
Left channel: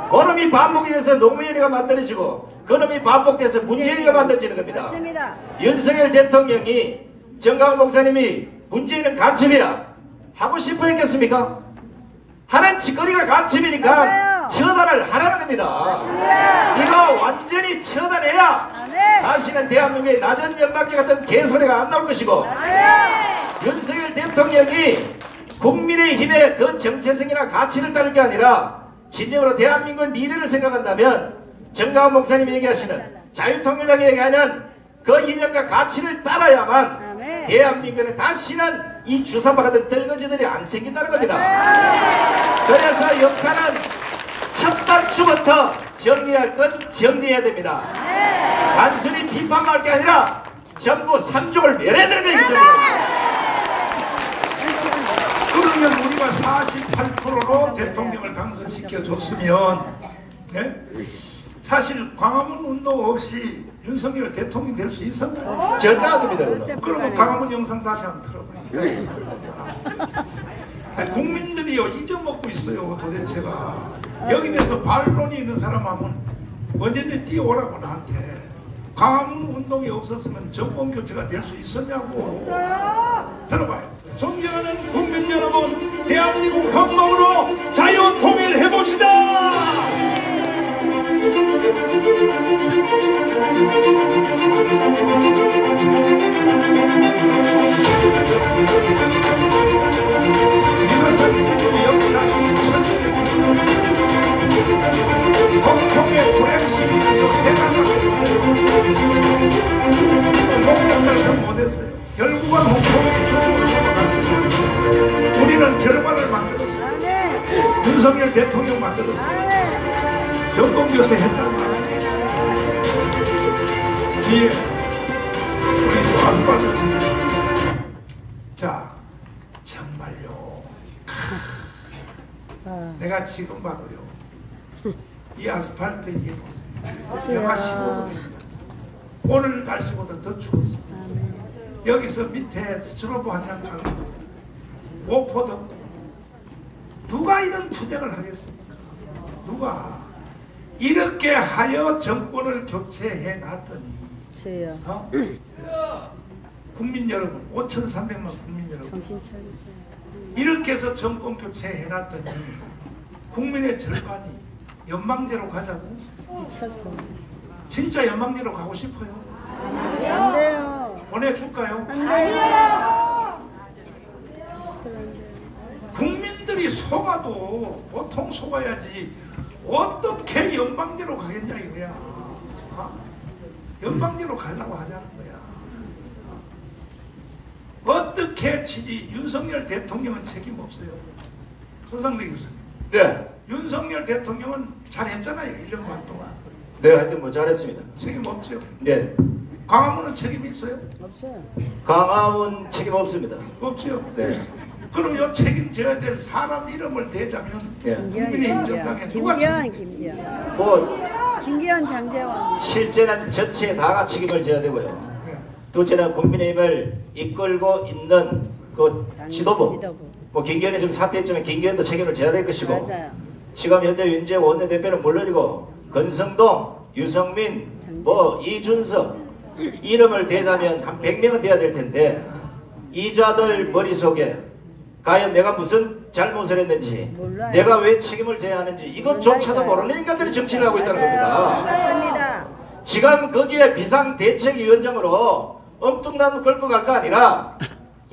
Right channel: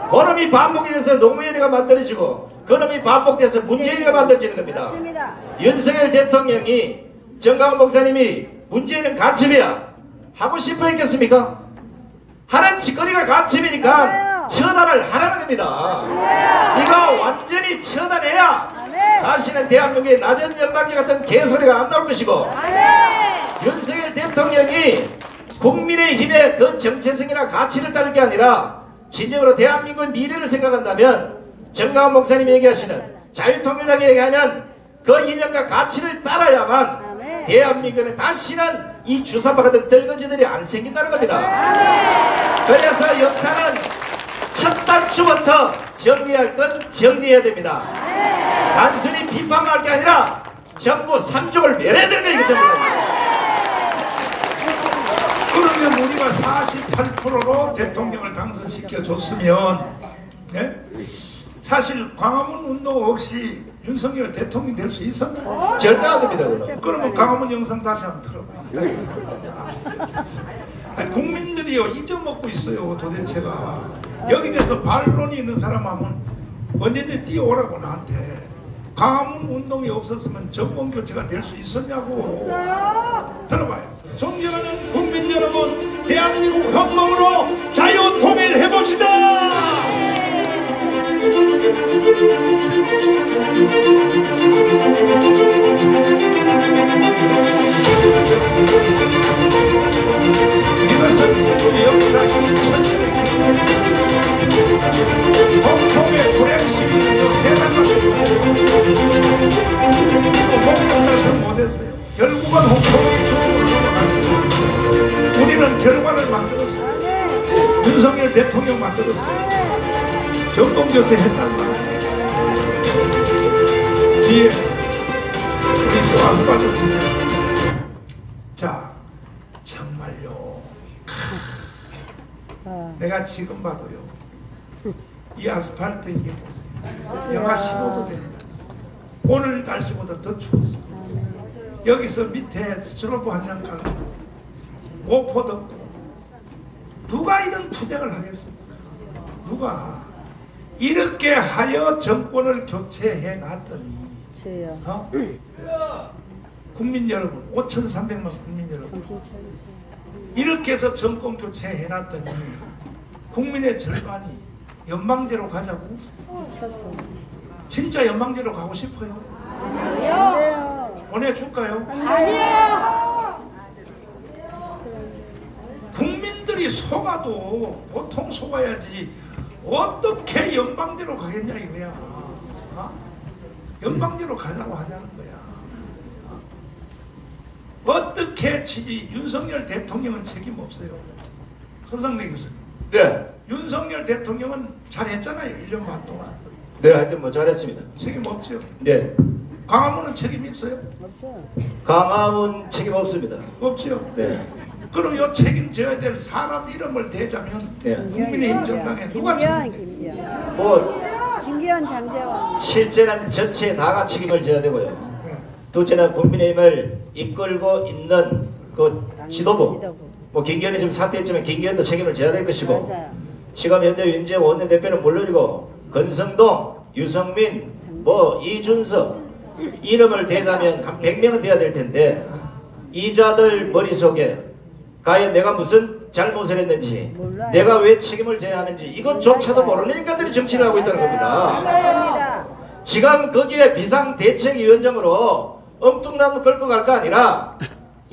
그놈이 반복이 돼서 노무현이가 만들어지고 그놈이 반복돼서 문재인이가 만들어지는 겁니다. 맞습니다. 윤석열 대통령이 정강훈 목사님이 문재인은 간첩이야 하고 싶어 했겠습니까? 하는 짓거리가 간첩이니까 맞아요. 처단을 하라는 겁니다. 맞습니다. 이거 완전히 처단해야 네. 다시는 대한민국의 낮은 연방제 같은 개소리가 안 나올 것이고 윤석열 대통령이 국민의힘의 그 정체성이나 가치를 따를 게 아니라 진정으로 대한민국의 미래를 생각한다면 정강훈 목사님이 얘기하시는 자유통일당이 얘기하는 그 이념과 가치를 따라야만 아멘. 대한민국에 다시는 이 주사파 같은 떨거지들이 안 생긴다는 겁니다. 그래서 역사는 첫 단추부터 정리할 건 정리해야 됩니다. 단순히 비판할 게 아니라 전부 삼족을 멸해야 되는 거예요. 그러면 우리가 48%로 대통령을 당선시켜줬으면 네? 사실 광화문 운동 없이 윤석열 대통령이 될 수 있었나요? 절대 안 됩니다. 그러면 광화문 영상 다시 한번 들어봐요. 아니, 국민들이요 잊어먹고 있어요. 도대체가 여기 대해서 반론이 있는 사람 하면 언제든지 뛰어오라고 나한테. 광화문 운동이 없었으면 정권교체가 될 수 있었냐고. 들어봐요. 존경하는 국민 여러분, 대한민국 헌법으로 자유통일해봅시다. 이것은 인류 역사 2000년의 홍콩의 불행심이 세상까지 못했어요. 결국은 홍콩의 중국으로 넘어갔어요. 우리는 결과를 만들었어요. 윤석열 대통령 만들었어요. 정권교체 했단 말이에요. 뒤에 우리 또 아스팔트. 자, 정말요. 내가 지금 봐도요. 이 아스팔트 이게 보세요. 영하 15도 됩니다. 오늘 날씨보다 더 추웠어. 여기서 밑에 스노브 한장 깔고 오포도 누가 이런 투쟁을 하겠습니까? 누가 이렇게 하여 정권을 교체해 놨더니 국민 여러분 5,300만 국민 여러분 이렇게 해서 정권 교체해 놨더니 국민의 절반이 연방제로 가자고? 미쳤어. 진짜 연방제로 가고 싶어요? 안 돼요. 보내줄까요? 안 돼요. 국민들이 속아도 보통 속아야지 어떻게 연방제로 가겠냐 이거야. 어? 연방제로 가려고 하자는 거야. 어떻게 윤석열 대통령은 책임 없어요. 손상대 교수님. 네. 윤석열 대통령은 잘했잖아요. 1년 반 동안. 네, 하여튼 뭐 잘했습니다. 책임 없죠. 네. 광화문은 책임 있어요? 없어요. 광화문 책임 없습니다. 없죠. 네. 그럼 요 책임져야 될 사람 이름을 대자면 네. 국민의힘 정당에 누가 김기현, 책임져요? 김기현. 뭐 김기현, 장재원. 실제는 전체 다가 책임을 져야 되고요. 네. 둘째는 국민의힘을 이끌고 있는 그 지도부. 뭐 김기현이 지금 사퇴했지만 김기현도 책임을 져야 될 것이고. 맞아요. 지금 현재 윤재호 원내대표는 물론이고 건성동, 유성민, 뭐 이준석 이름을 대자면 한 100명은 돼야 될 텐데 이자들 머릿속에 과연 내가 무슨 잘못을 했는지 몰라요. 내가 왜 책임을 져야 하는지 이것조차도 모르는 인간들이 정치를 하고 있다는 겁니다. 맞습니다. 지금 거기에 비상대책위원장으로 엉뚱나무 끌고 갈 거 아니라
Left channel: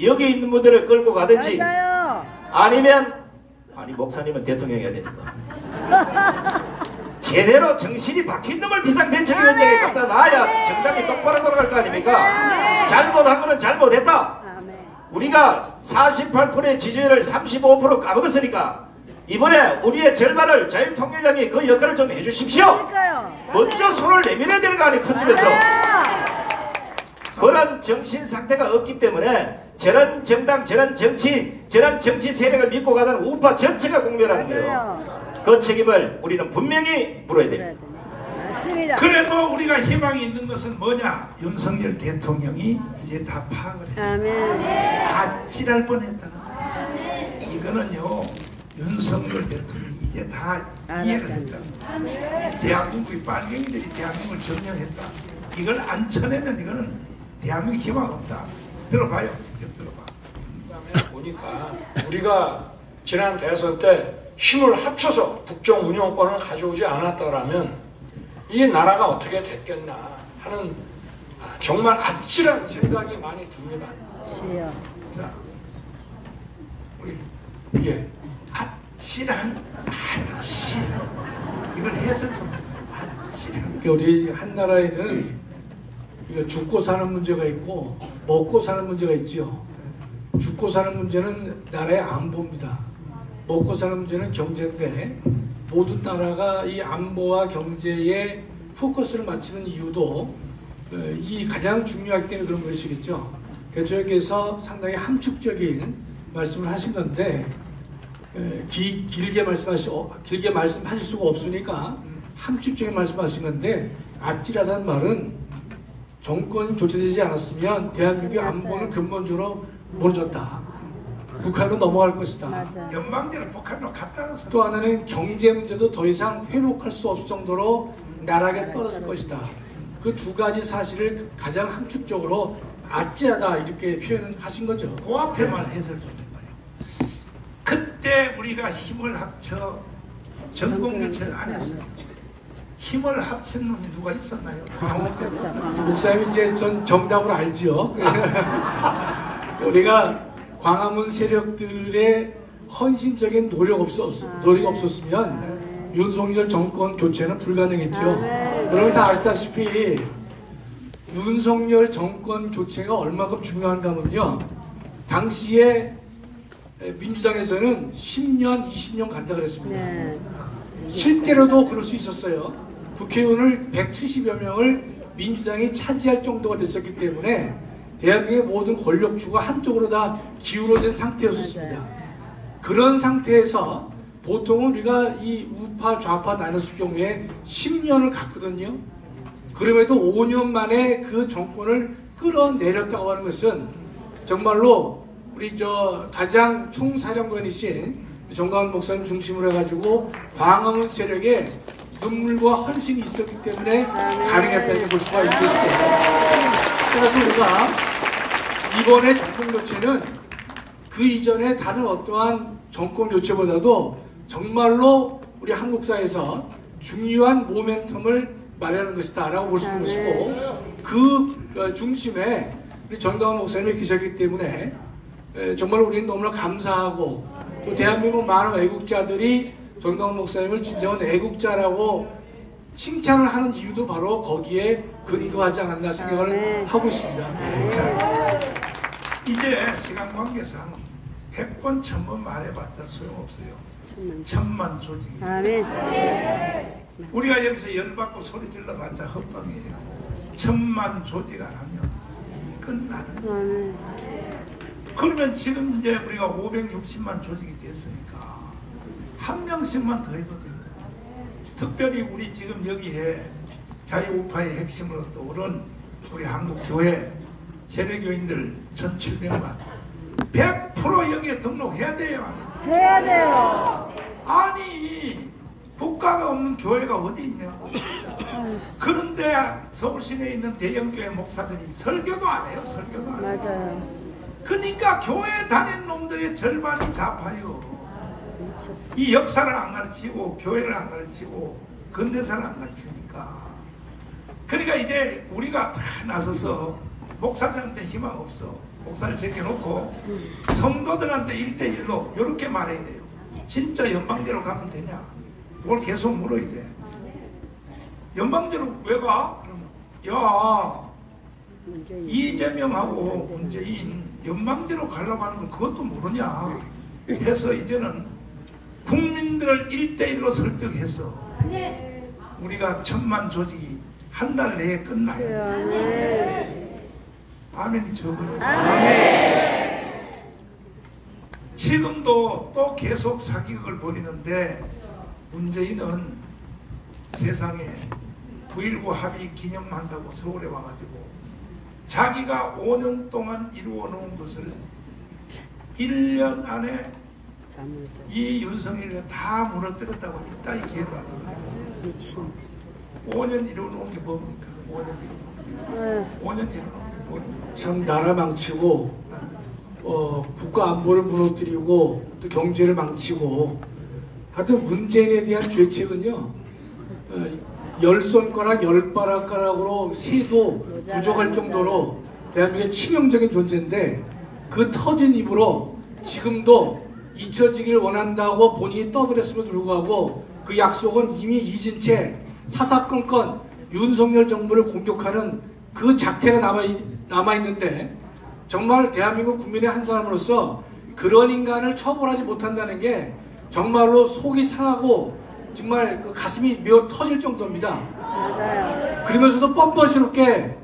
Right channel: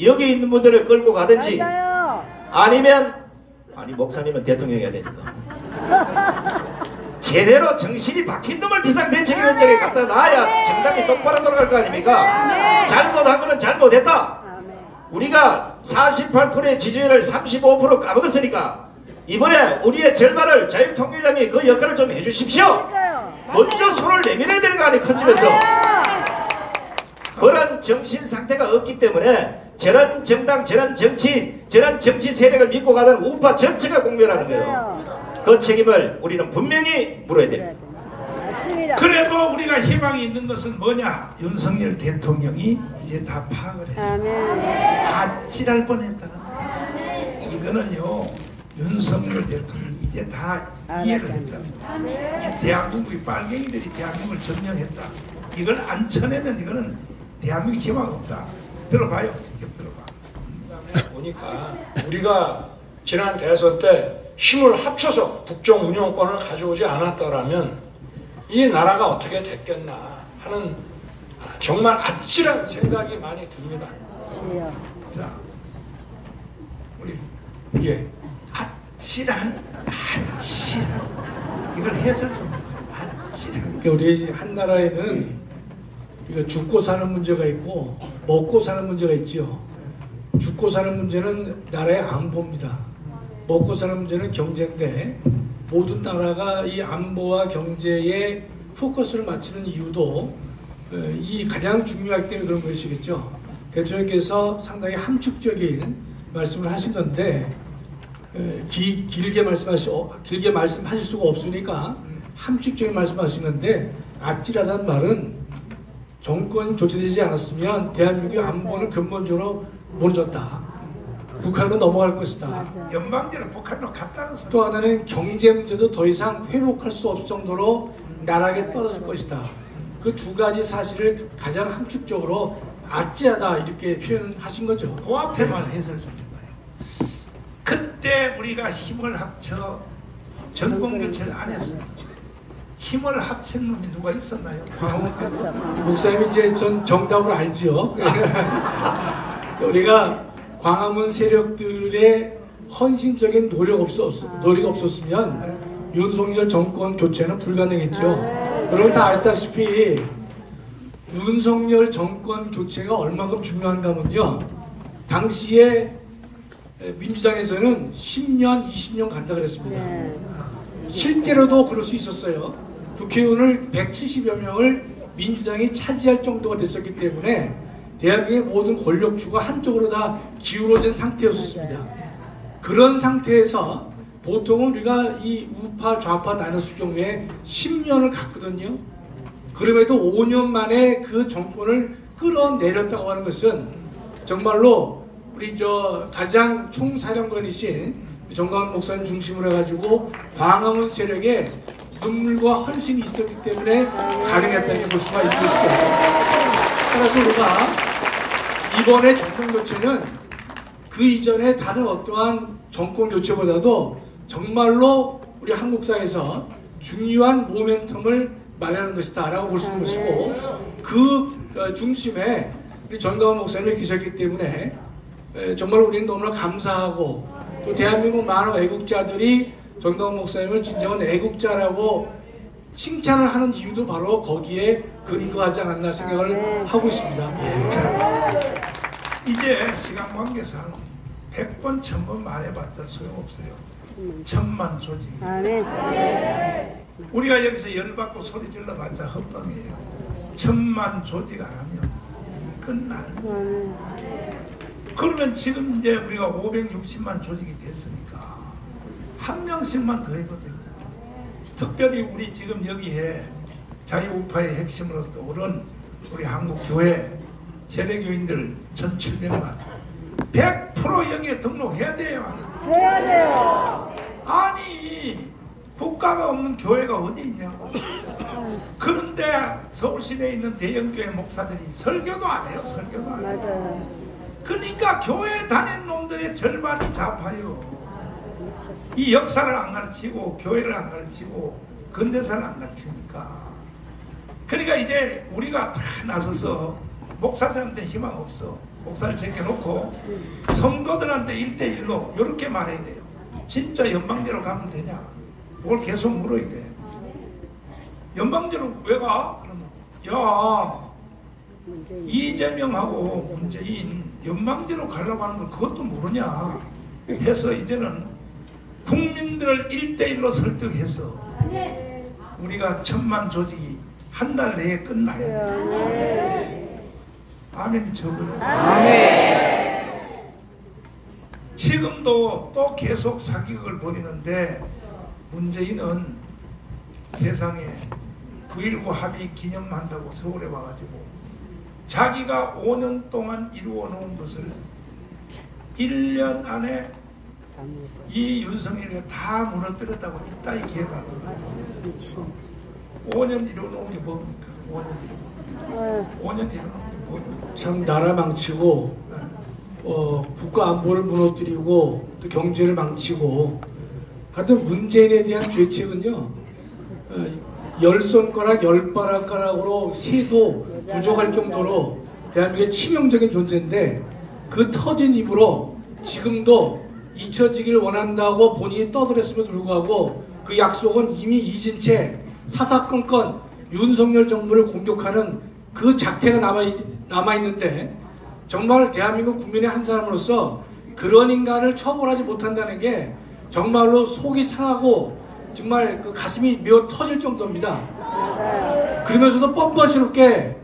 여기 있는 분들을 끌고 가든지 맞아요. 아니면 아니 목사님은 대통령이 해야 되니까 제대로 정신이 박힌 놈을 비상대책위원장에 갖다 놔야 정당이 똑바로 돌아갈 거 아닙니까? 잘못한 거는 잘못했다. 우리가 48%의 지지율을 35% 까먹었으니까 이번에 우리의 절반을 자유통일당이 그 역할을 좀 해주십시오. 먼저 손을 내밀어야 되는 거 아니에요. 큰 집에서. 그런 정신 상태가 없기 때문에 저런 정당, 저런 정치 세력을 믿고 가던 우파 전체가 공멸하는 거예요. 그 책임을 우리는 분명히 물어야 됩니다. 맞습니다. 그래도 우리가 희망이 있는 것은 뭐냐? 윤석열 대통령이 이제 다 파악을 했어요. 아멘. 아찔할 뻔했다. 이거는요, 윤석열 대통령이 이제 다 이해를 했다. 대한민국의 빨갱이들이 대한민국을 점령했다. 이걸 안 쳐내면 이거는 대한민국 희망 없다. 들어봐요. 직접 들어봐. 그다음에 보니까 우리가 지난 대선 때 힘을 합쳐서 국정 운영권을 가져오지 않았다라면 이 나라가 어떻게 됐겠나 하는 정말 아찔한 생각이 많이 듭니다. 자, 우리 위에 아찔한 이걸 해설 좀 해봐요. 아찔한. 그러니까 우리 한 나라에는 이거 죽고 사는 문제가 있고 먹고 사는 문제가 있지요. 죽고 사는 문제는 나라의 안보입니다. 먹고 사는 문제는 경제인데 모든 나라가 이 안보와 경제에 포커스를 맞추는 이유도 이 가장 중요하기 때문에 그런 것이겠죠. 대통령께서 상당히 함축적인 말씀을 하신 건데 길게 말씀하실 수가 없으니까 함축적인 말씀하신 건데 아찔하다는 말은 정권이 교체되지 않았으면 대한민국의 안보는 근본적으로 무너졌다. 북한으로 넘어갈 것이다. 연방제로 북한으로 갔다는 소리. 또 하나는 경제 문제도 더 이상 회복할 수 없을 정도로 나락에 떨어질 것이다. 그 두 가지 사실을 가장 함축적으로 아찔하다 이렇게 표현하신 거죠. 그 앞에만 해설 좀 해봐요. 그때 우리가 힘을 합쳐 정권교체를 안 했어요. 힘을 합친 놈이 누가 있었나요? 목사님 이제 전 정답을 알죠. 우리가 광화문 세력들의 헌신적인 노력이 없었으면 윤석열 정권 교체는 불가능했죠. 여러분 다 아시다시피 윤석열 정권 교체가 얼마큼 중요한가면요. 당시에 민주당에서는 10년, 20년 간다 그랬습니다. 실제로도 그럴 수 있었어요. 국회의원을 170여 명을 민주당이 차지할 정도가 됐었기 때문에 대한민국의 모든 권력주가 한쪽으로 다 기울어진 상태였습니다. 그런 상태에서 보통은 우리가 이 우파 좌파 나눴을 경우에 10년을 갔거든요. 그럼에도 5년 만에 그 정권을 끌어내렸다고 하는 것은 정말로 우리 가장 총사령관이신 정강훈 목사님 중심으로 해가지고 광화문 세력에 눈물과 헌신이 있었기 때문에 가능했다고 볼 수가 있겠습니다. 그래서 우리가 이번에 정권 교체는 그 이전에 다른 어떠한 정권 교체보다도 정말로 우리 한국사에서 중요한 모멘텀을 마련하는 것이다 라고 볼 수 있는 것이고 그 중심에 우리 정강훈 목사님이 계셨기 때문에 정말 우리는 너무나 감사하고 또 대한민국 많은 애국자들이 정강훈 목사님을 진정한 애국자라고 칭찬을 하는 이유도 바로 거기에 근거하지 않았나 생각을 하고 있습니다. 자, 이제 시간 관계상 100번 1000번 말해봤자 소용없어요. 천만 조직이. 우리가 여기서 열받고 소리 질러봤자 헛감이에요. 1000만 조직 안 하면 끝나는 거예요. 그러면 지금 이제 우리가 560만 조직이 됐으니까 한 명씩만 더 해도 되고, 특별히 우리 지금 여기에 자유우파의 핵심으로 떠오른 우리 한국교회 세대교인들 1700만 100% 여기에 등록해야 돼요. 해야 돼요. 아니 국가가 없는 교회가 어디 있냐고. 그런데 서울시내에 있는 대형교회 목사들이 설교도 안 해요. 설교도 안 해요. 맞아요. 그러니까 교회 다니는 놈들의 절반이 좌파요. 이 역사를 안 가르치고 교회를 안 가르치고 근대사를 안 가르치니까. 그러니까 이제 우리가 다 나서서 목사들한테 희망 없어. 목사를 제껴놓고 성도들한테 1대1로 이렇게 말해야 돼요. 진짜 연방제로 가면 되냐? 뭘 계속 물어야 돼. 연방제로 왜 가? 그러면 야 이재명하고 문재인 연방제로 가려고 하는 걸 그것도 모르냐 해서 이제는 국민들을 1대1로 설득해서 우리가 1000만 조직이 한 달 내에 끝나야 돼. 아멘이 적어요. 지금도 또 계속 사기극을 벌이는데 문재인은 세상에 9.19 합의 기념한다고 서울에 와가지고 자기가 5년 동안 이루어 놓은 것을 1년 안에 이 윤석열이가 다 무너뜨렸다고 이따위 기회가 하거든요. 5년 이루어 놓은 게 뭡니까? 5년 이루어 놓은 게 뭡니까? 참 나라 망치고 국가 안보를 무너뜨리고 또 경제를 망치고 하여튼 문재인에 대한 죄책은요 10손가락 10바락가락으로 세도 부족할 정도로 대한민국의 치명적인 존재인데 그 터진 입으로 지금도 잊혀지길 원한다고 본인이 떠들었음에도 불구하고 그 약속은 이미 잊은 채 사사건건 윤석열 정부를 공격하는 그 작태가 남아있는데 정말 대한민국 국민의 한 사람으로서 그런 인간을 처벌하지 못한다는 게 정말로 속이 상하고 정말 그 가슴이 메어 터질 정도입니다. 맞아요. 그러면서도 뻔뻔스럽게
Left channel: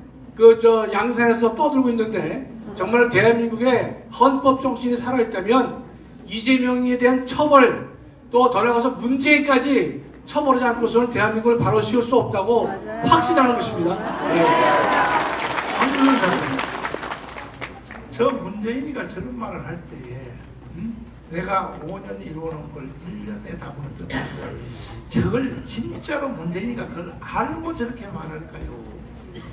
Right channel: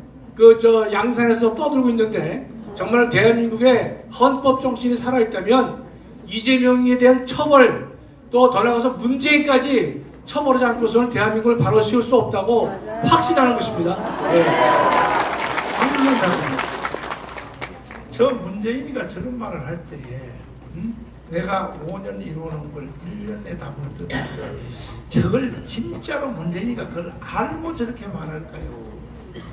양산에서 떠들고 있는데 정말 대한민국의 헌법 정신이 살아있다면 이재명에 대한 처벌 또 더 나아가서 문재인까지 처벌하지 않고서는 대한민국을 바로 세울 수 없다고 확신하는 것입니다. 네. 저 문재인이가 저런 말을 할 때에 내가 5년 이루어놓은 걸 1년에 다 못했다. 저걸 진짜로 문재인이가 그걸 알고 저렇게 말할까요?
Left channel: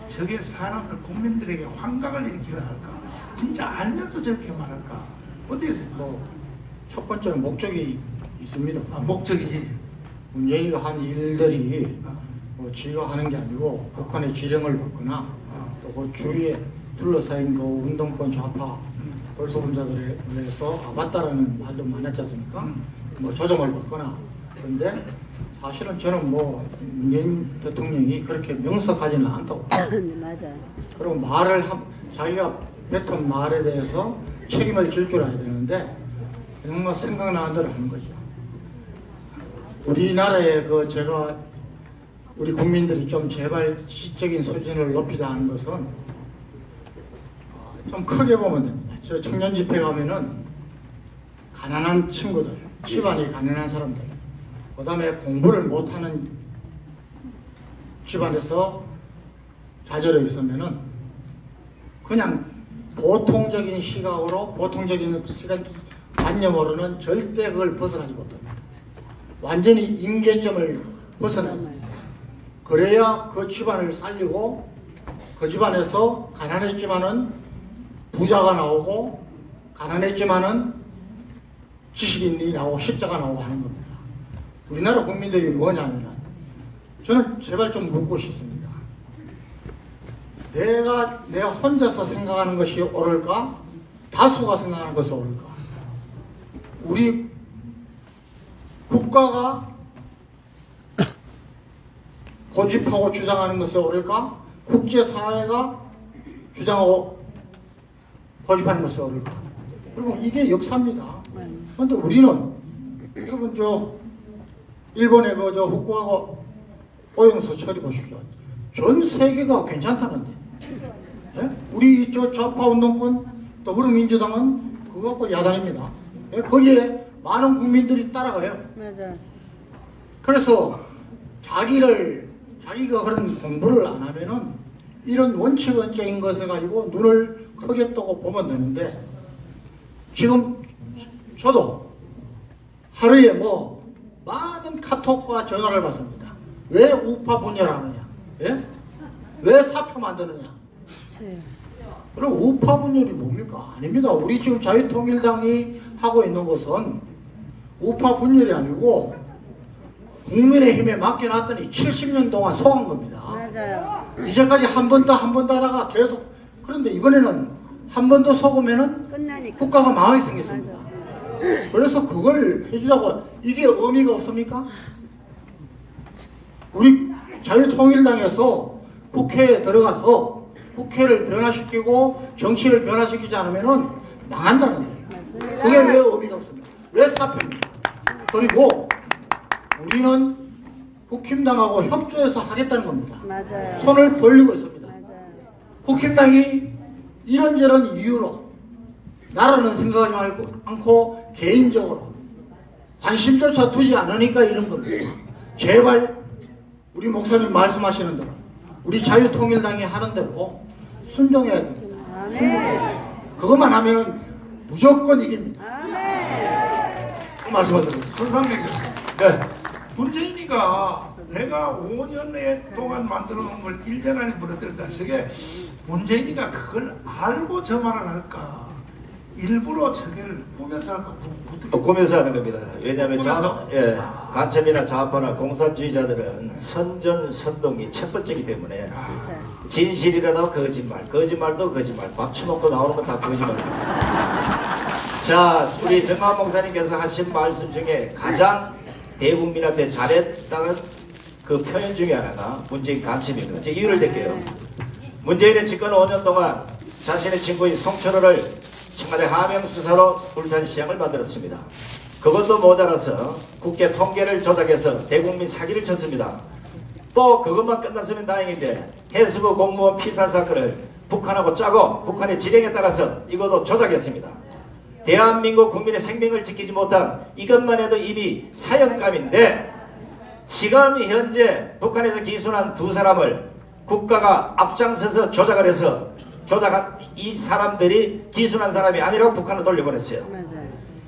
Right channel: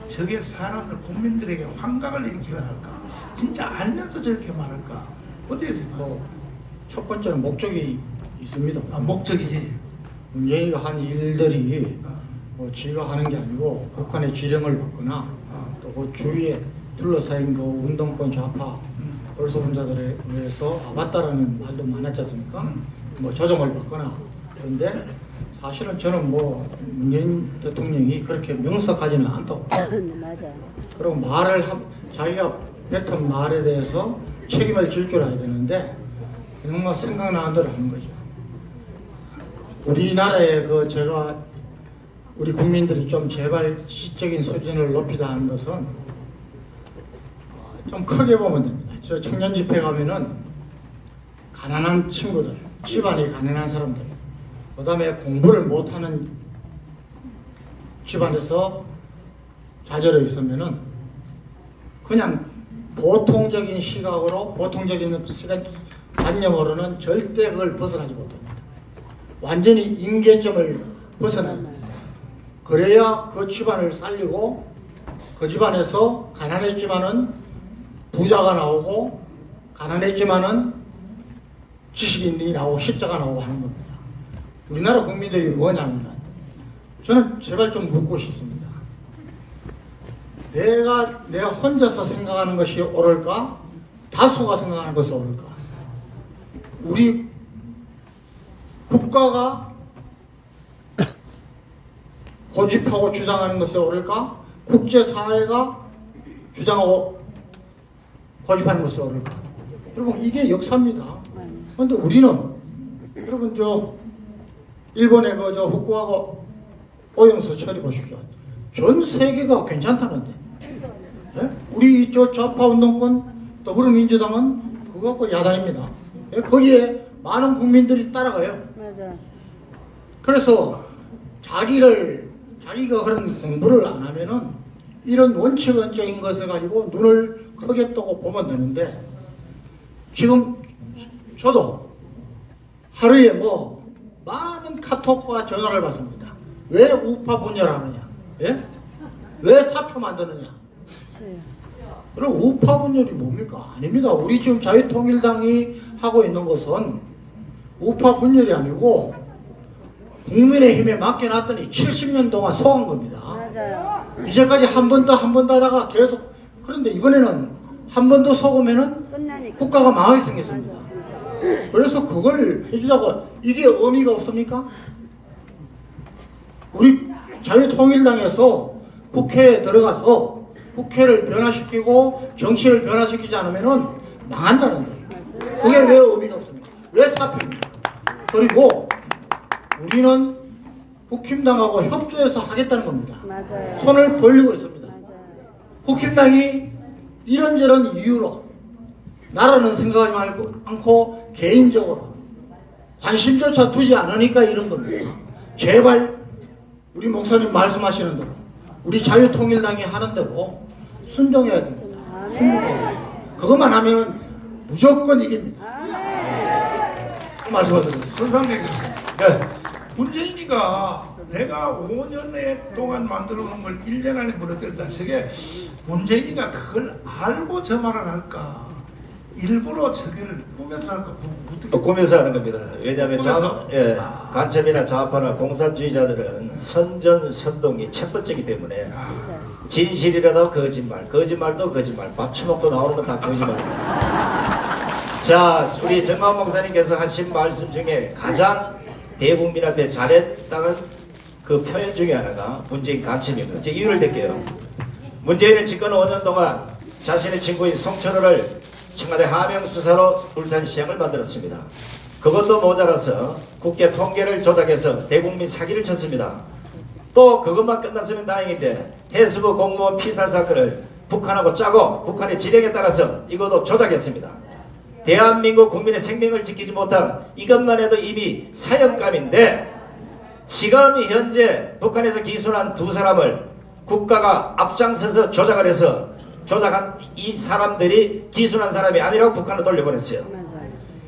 저게 사람들 국민들에게 환각을 일으키려 할까? 진짜 알면서 저렇게 말할까? 어떻게 생각해요? 첫 번째는 목적이 있습니다. 목적이 문재인이가 한 일들이 지가 하는 게 아니고 북한의 지령을 받거나 또 그 주위에 둘러싸인 그 운동권 좌파 벌소분자들에 의해서 맞다라는 말도 많았지 않습니까? 조정을 받거나. 그런데 사실은 저는 문재인 대통령이 그렇게 명석하지는 않다고. 맞아. 그리고 자기가 뱉은 말에 대해서 책임을 질 줄 알아야 되는데 정말 생각나는 대로 하는 거죠. 우리나라의 우리 국민들이 좀 제발 지적인 수준을 높이자 하는 것은 좀 크게 보면 됩니다. 저 청년 집회 가면은 가난한 친구들, 집안이 가난한 사람들, 그 다음에 공부를 못하는 집안에서 좌절해 있으면은 그냥 보통적인 시각으로 보통적인 관념으로는 절대 그걸 벗어나지 못합니다. 완전히 임계점을 벗어나야 합니다. 그래야 그 집안을 살리고 그 집안에서 가난했지만은 부자가 나오고 가난했지만은 지식인이 나오고 십자가 나오고 하는 겁니다. 우리나라 국민들이 뭐냐면 저는 제발 좀 묻고 싶습니다. 내가 혼자서 생각하는 것이 옳을까? 다수가 생각하는 것이 옳을까? 우리 국가가 고집하고 주장하는 것이 옳을까? 국제사회가 주장하고 고집하는 것이 옳을까? 여러분 이게 역사입니다. 그런데 우리는 여러분 일본의 후쿠오카 오염수 처리 보십시오. 전 세계가 괜찮다는데. 네? 우리 좌파 운동권 더불어민주당은 그거 갖고 야단입니다. 네? 거기에 많은 국민들이 따라가요. 맞아. 그래서 자기가 그런 공부를 안 하면은 이런 원칙적인 것을 가지고 눈을 크게 뜨고 보면 되는데 지금 저도 하루에 많은 카톡과 전화를 받습니다. 왜 우파 분열하느냐? 예? 왜 사표 만드느냐? 그럼 우파 분열이 뭡니까? 아닙니다. 우리 지금 자유통일당이 하고 있는 것은 우파 분열이 아니고 국민의힘에 맡겨놨더니 70년 동안 속은 겁니다. 맞아요. 이제까지 한 번 더 하다가 계속. 그런데 이번에는 한 번 더 속으면은 끝나니까. 국가가 망하게 생겼습니다. 그래서 그걸 해주자고. 이게 의미가 없습니까? 우리 자유통일당에서 국회에 들어가서 국회를 변화시키고 정치를 변화시키지 않으면은 망한다는 거예요. 그게 왜 의미가 없습니까? 왜 사표입니까? 그리고 우리는 국힘당하고 협조해서 하겠다는 겁니다. 맞아요. 손을 벌리고 있습니다. 맞아요. 국힘당이 이런저런 이유로 나라는 생각하지 않고 개인적으로 관심조차 두지 않으니까 이런 겁니다. 제발 우리 목사님 말씀하시는 대로 우리 자유통일당이 하는 대로 순종해야 됩니다. 그것만 하면 무조건 이깁니다. 그 말씀을 드립니다. 선상님, 네. 문재인이가 내가 5년 동안 만들어 놓은 걸 1년 안에 무너뜨렸다. 저게 문재인이가 그걸 알고 저 말을 할까? 일부러 저게를 꾸면서 할까? 꾸면서 하는 겁니다. 왜냐하면 간첩이나 좌파나 공산주의자들은 선전선동이 첫 번째이기 때문에 진실이라도 거짓말, 거짓말도 거짓말, 밥 처먹고 나오는 건 다 거짓말입니다. 자, 우리 정만 목사님께서 하신 말씀 중에 가장 대국민 앞에 잘했다는 그 표현 중에 하나가 문재인 간첩입니다. 제가 이유를 댈게요. 문재인은 집권 5년 동안 자신의 친구인 송철호를 청와대 하명수사로 울산시장을 만들었습니다. 그것도 모자라서 국회 통계를 조작해서 대국민 사기를 쳤습니다. 또 그것만 끝났으면 다행인데 해수부 공무원 피살 사건을 북한하고 짜고 북한의 지령에 따라서 이것도 조작했습니다. 대한민국 국민의 생명을 지키지 못한 이것만 해도 이미 사형감인데 지금 현재 북한에서 기소한 두 사람을 국가가 앞장서서 조작을 해서 조작한 이 사람들이 기소한 사람이 아니라고 북한을 돌려보냈어요.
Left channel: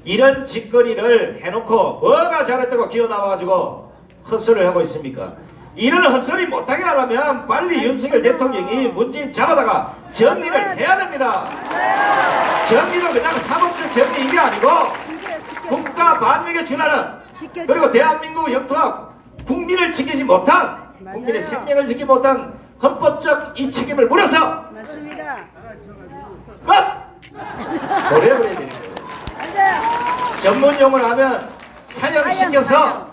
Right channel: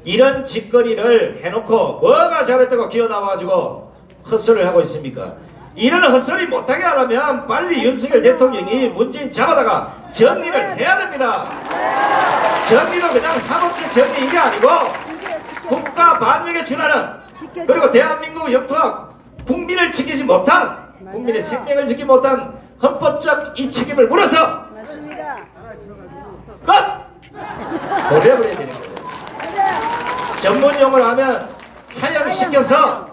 이런 짓거리를 해놓고 뭐가 잘했다고 기어나와가지고 헛소리를 하고 있습니까? 이런 헛소리 못하게 하려면 빨리 윤석열 대통령이 문재인 잡아다가 정리를 해야 됩니다. 정리도 그냥 사법적 정리 이게 아니고 국가 반역에 준하는 그리고 대한민국 영토와 국민을 지키지 못한 국민의 생명을 지키지 못한 헌법적 이 책임을 물어서 끝! 보내버려야 되는 거예요. 전문용어를 하면 사형시켜서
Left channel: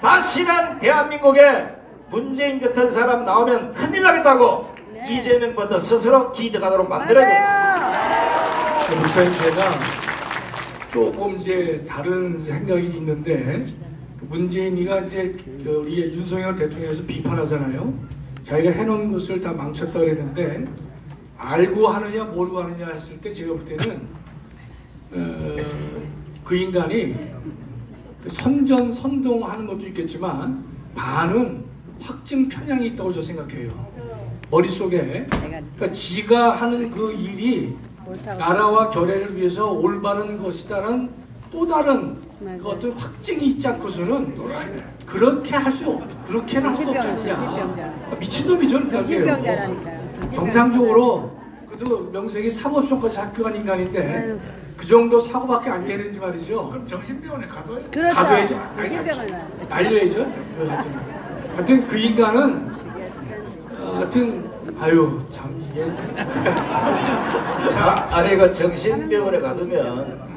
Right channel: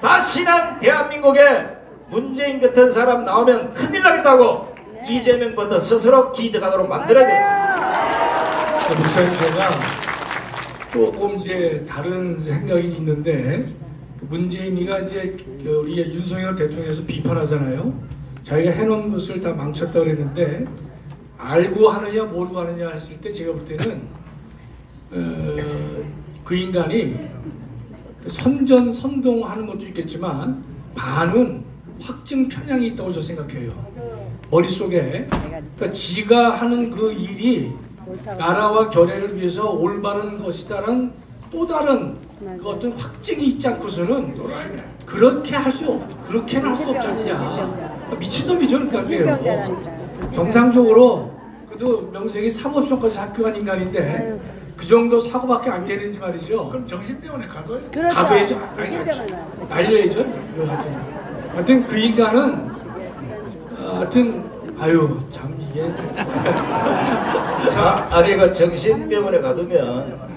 다시는 대한민국에 문재인 같은 사람 나오면 큰일 나겠다고 이재명부터 스스로 기득하도록 만들어야 돼요. 목사님, 제가 조금 이제 다른 생각이 있는데 문재인이가 이제 우리 윤석열 대통령에서 비판하잖아요. 자기가 해놓은 것을 다 망쳤다 그랬는데 알고 하느냐 모르고 하느냐 했을 때 제가 볼 때는 그 인간이 선동하는 것도 있겠지만 반은 확증 편향이 있다고 저 생각해요. 머릿속에 그러니까 지가 하는 그 일이 나라와 결의를 위해서 올바른 것이다라는 또 다른 그 어떤 확증이 있지 않고서는 그렇게 할 수 그렇게는 할 수 없지 않냐. 미친놈이죠. 그러니까요. 정상적으로 그래도 명색이 사법시험까지 합격한 인간인데 그 정도 사고밖에 안 되는지 말이죠. 그럼 정신병원에 가둬야죠. 그렇죠. 가둬야죠. 날려야죠. 하여튼 그 인간은 하여튼 아유 참 이게 자, 아니 그 정신병원에 가두면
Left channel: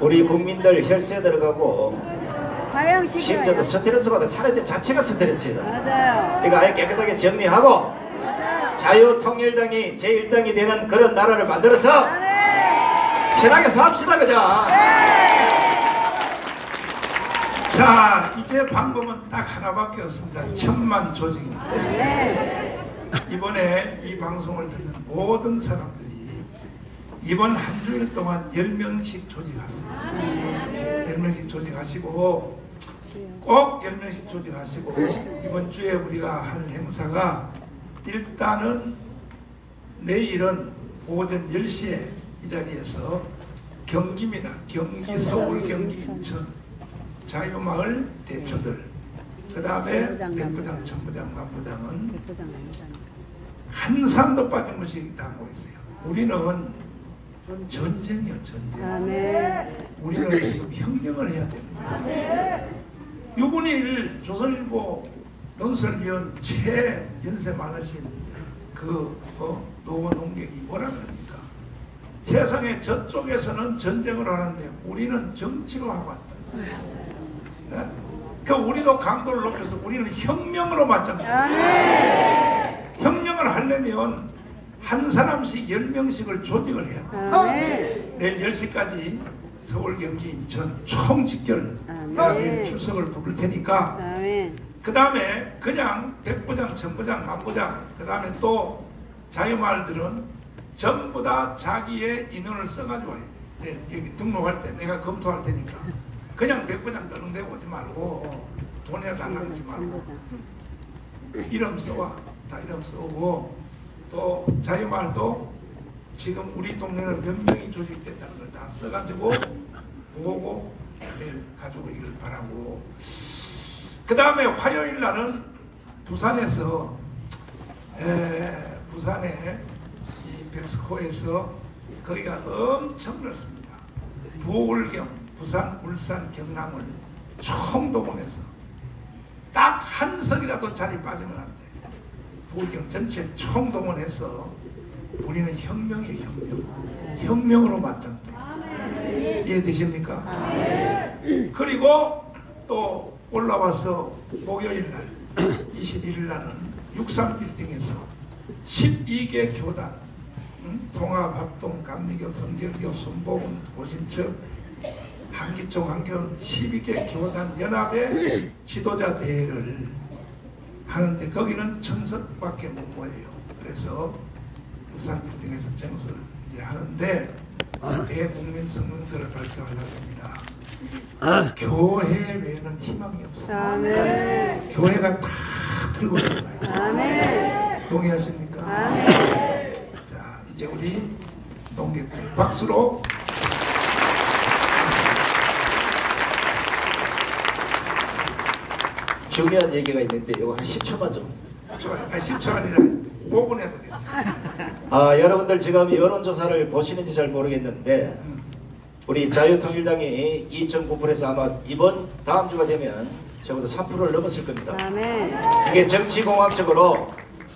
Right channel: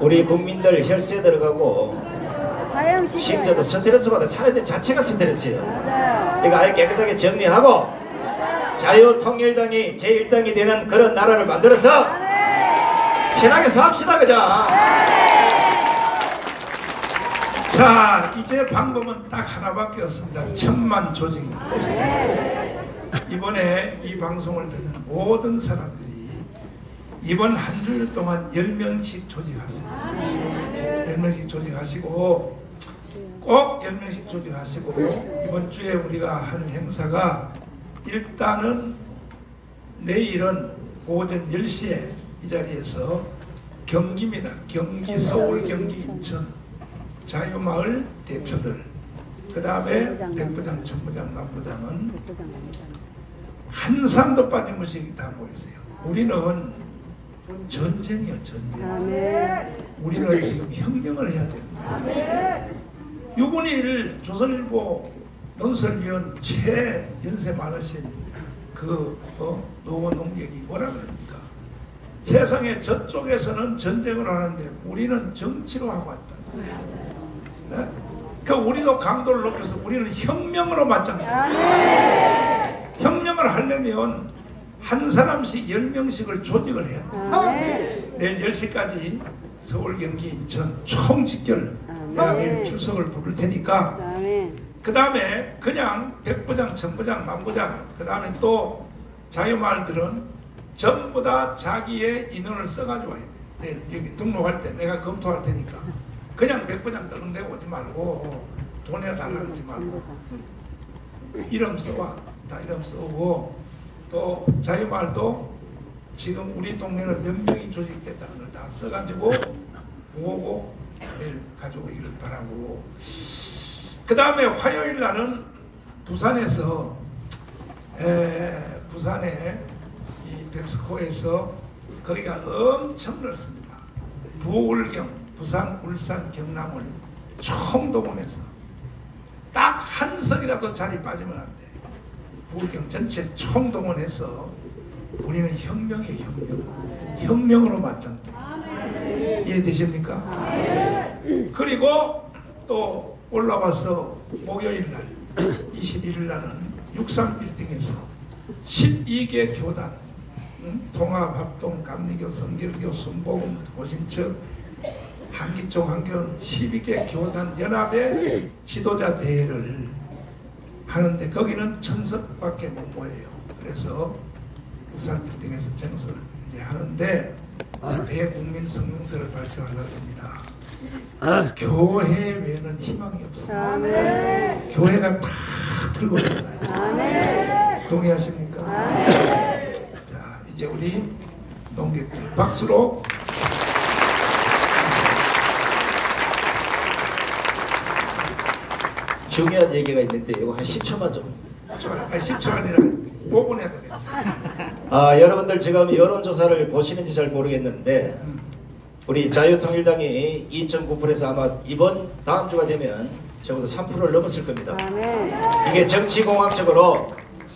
우리 국민들 혈세 들어가고 심지어도 스트레스받아 살아야 자체가 스트레스예요. 그러니까 아예 깨끗하게 정리하고 자유통일당이 제1당이 되는 그런 나라를 만들어서 편하게 삽시다 그죠? 자, 이제 방법은 딱 하나밖에 없습니다. 천만 조직입니다. 이번에 이 방송을 듣는 모든 사람들이 이번 한 주일 동안 10명씩 조직하세요. 10명씩 조직하시고 꼭 10명씩 조직하시고 이번 주에 우리가 한 행사가 일단은 내일은 오전 10시에 이 자리에서 경기입니다. 경기, 서울, 경기, 인천 자유마을 대표들 그 다음에 백부장, 천부장, 만부장은 한 사람도 빠짐없이 다 모였어요. 우리는 전쟁이요, 전쟁. 우리는 지금 혁명을 해야 됩니다. 유군일 조선일보 논설위원 최연세 많으신 노원 농객이 뭐라 그럽니까? 세상에 저쪽에서는 전쟁을 하는데 우리는 정치로 하고 왔다. 네? 그러니까 우리도 강도를 높여서 우리는 혁명으로 맞잖아요. 혁명을 하려면 한 사람씩 10명씩을 조직을 해야 돼요. 내일 10시까지 서울, 경기, 인천 총 직결 내가 내일 출석을 부를 테니까 그 다음에 그냥 백부장, 천부장, 만부장 그 다음에 또 자유마을들은 전부 다 자기의 인원을 써가지고 와야 돼. 여기 등록할 때 내가 검토할 테니까 그냥 백부장 떠는대고 오지 말고 돈에 달라하지 말고 이름 써와. 다 이름 써오고 또 자유마을도 지금 우리 동네는 몇 명이 조직됐다는 걸 다 써가지고 보고 내일 가져오기를 바라고 그 다음에 화요일 날은 부산에서 부산에 이 백스코에서 거기가 엄청 넓습니다. 부울경, 부산, 울산, 경남을 총동원해서 딱 한 석이라도 자리 빠지면 안 돼. 부울경 전체 총동원해서 우리는 혁명의 혁명. 혁명으로 맞짱다. 이해되십니까? 그리고 또 올라와서 목요일 날 21일 날은 63빌딩에서 12개 교단 통합, 합동, 감리교, 성결교, 순복음, 고신첩, 한기총, 한교원 12개 교단 연합의 지도자 대회를 하는데 거기는 1000석밖에 못 모여요. 그래서 63빌딩에서 정서를 하는데 대국민 성명서를 발표하려고 합니다. 교회 외에는 희망이 없어요. 교회가 다 들고 있잖아요. 동의하십니까? 자, 이제 우리 동객들 박수로 중요한 얘기가 있는데 이거 한 10초만 좀. 10초 아니라 5분 해도 돼요. 여러분들 지금 여론조사를 보시는지 잘 모르겠는데 우리 자유통일당이 2.9%에서 아마 다음 주가 되면 적어도 3%를 넘었을 겁니다. 이게 정치공학적으로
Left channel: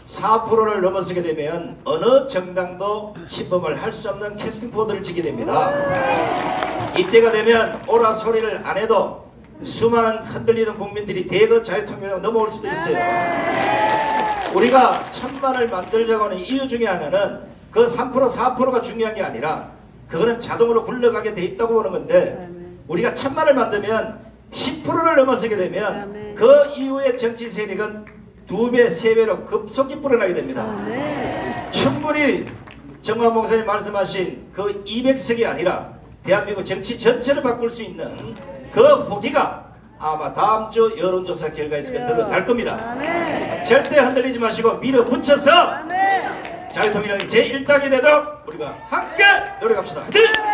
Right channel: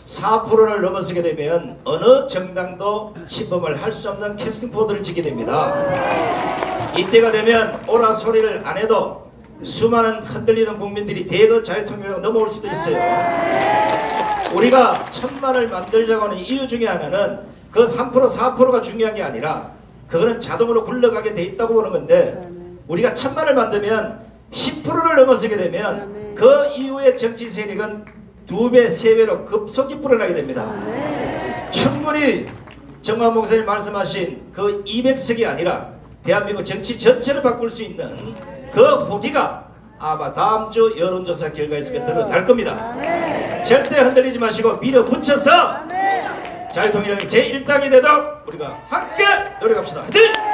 4%를 넘어서게 되면 어느 정당도 침범을 할 수 없는 캐스팅 보드를 지게 됩니다. 이때가 되면 오라 소리를 안 해도 수많은 흔들리는 국민들이 대거 자유통일로 넘어올 수도 있어요. 우리가 1000만을 만들자고 하는 이유 중에 하나는 그 3% 4%가 중요한 게 아니라 그거는 자동으로 굴러가게 돼 있다고 보는 건데 우리가 1000만을 만들면 10%를 넘어서게 되면 그 이후의 정치 세력은 2배, 3배로 급속히 불어나게 됩니다. 충분히 정만 목사님 말씀하신 그 200석이 아니라 대한민국 정치 전체를 바꿀 수 있는 그 후기가 아마 다음 주 여론조사 결과에서 드러날 겁니다. 절대 흔들리지 마시고 밀어붙여서 자유통일당이 제1당이 되도록 우리가 함께 노력합시다. 화이팅!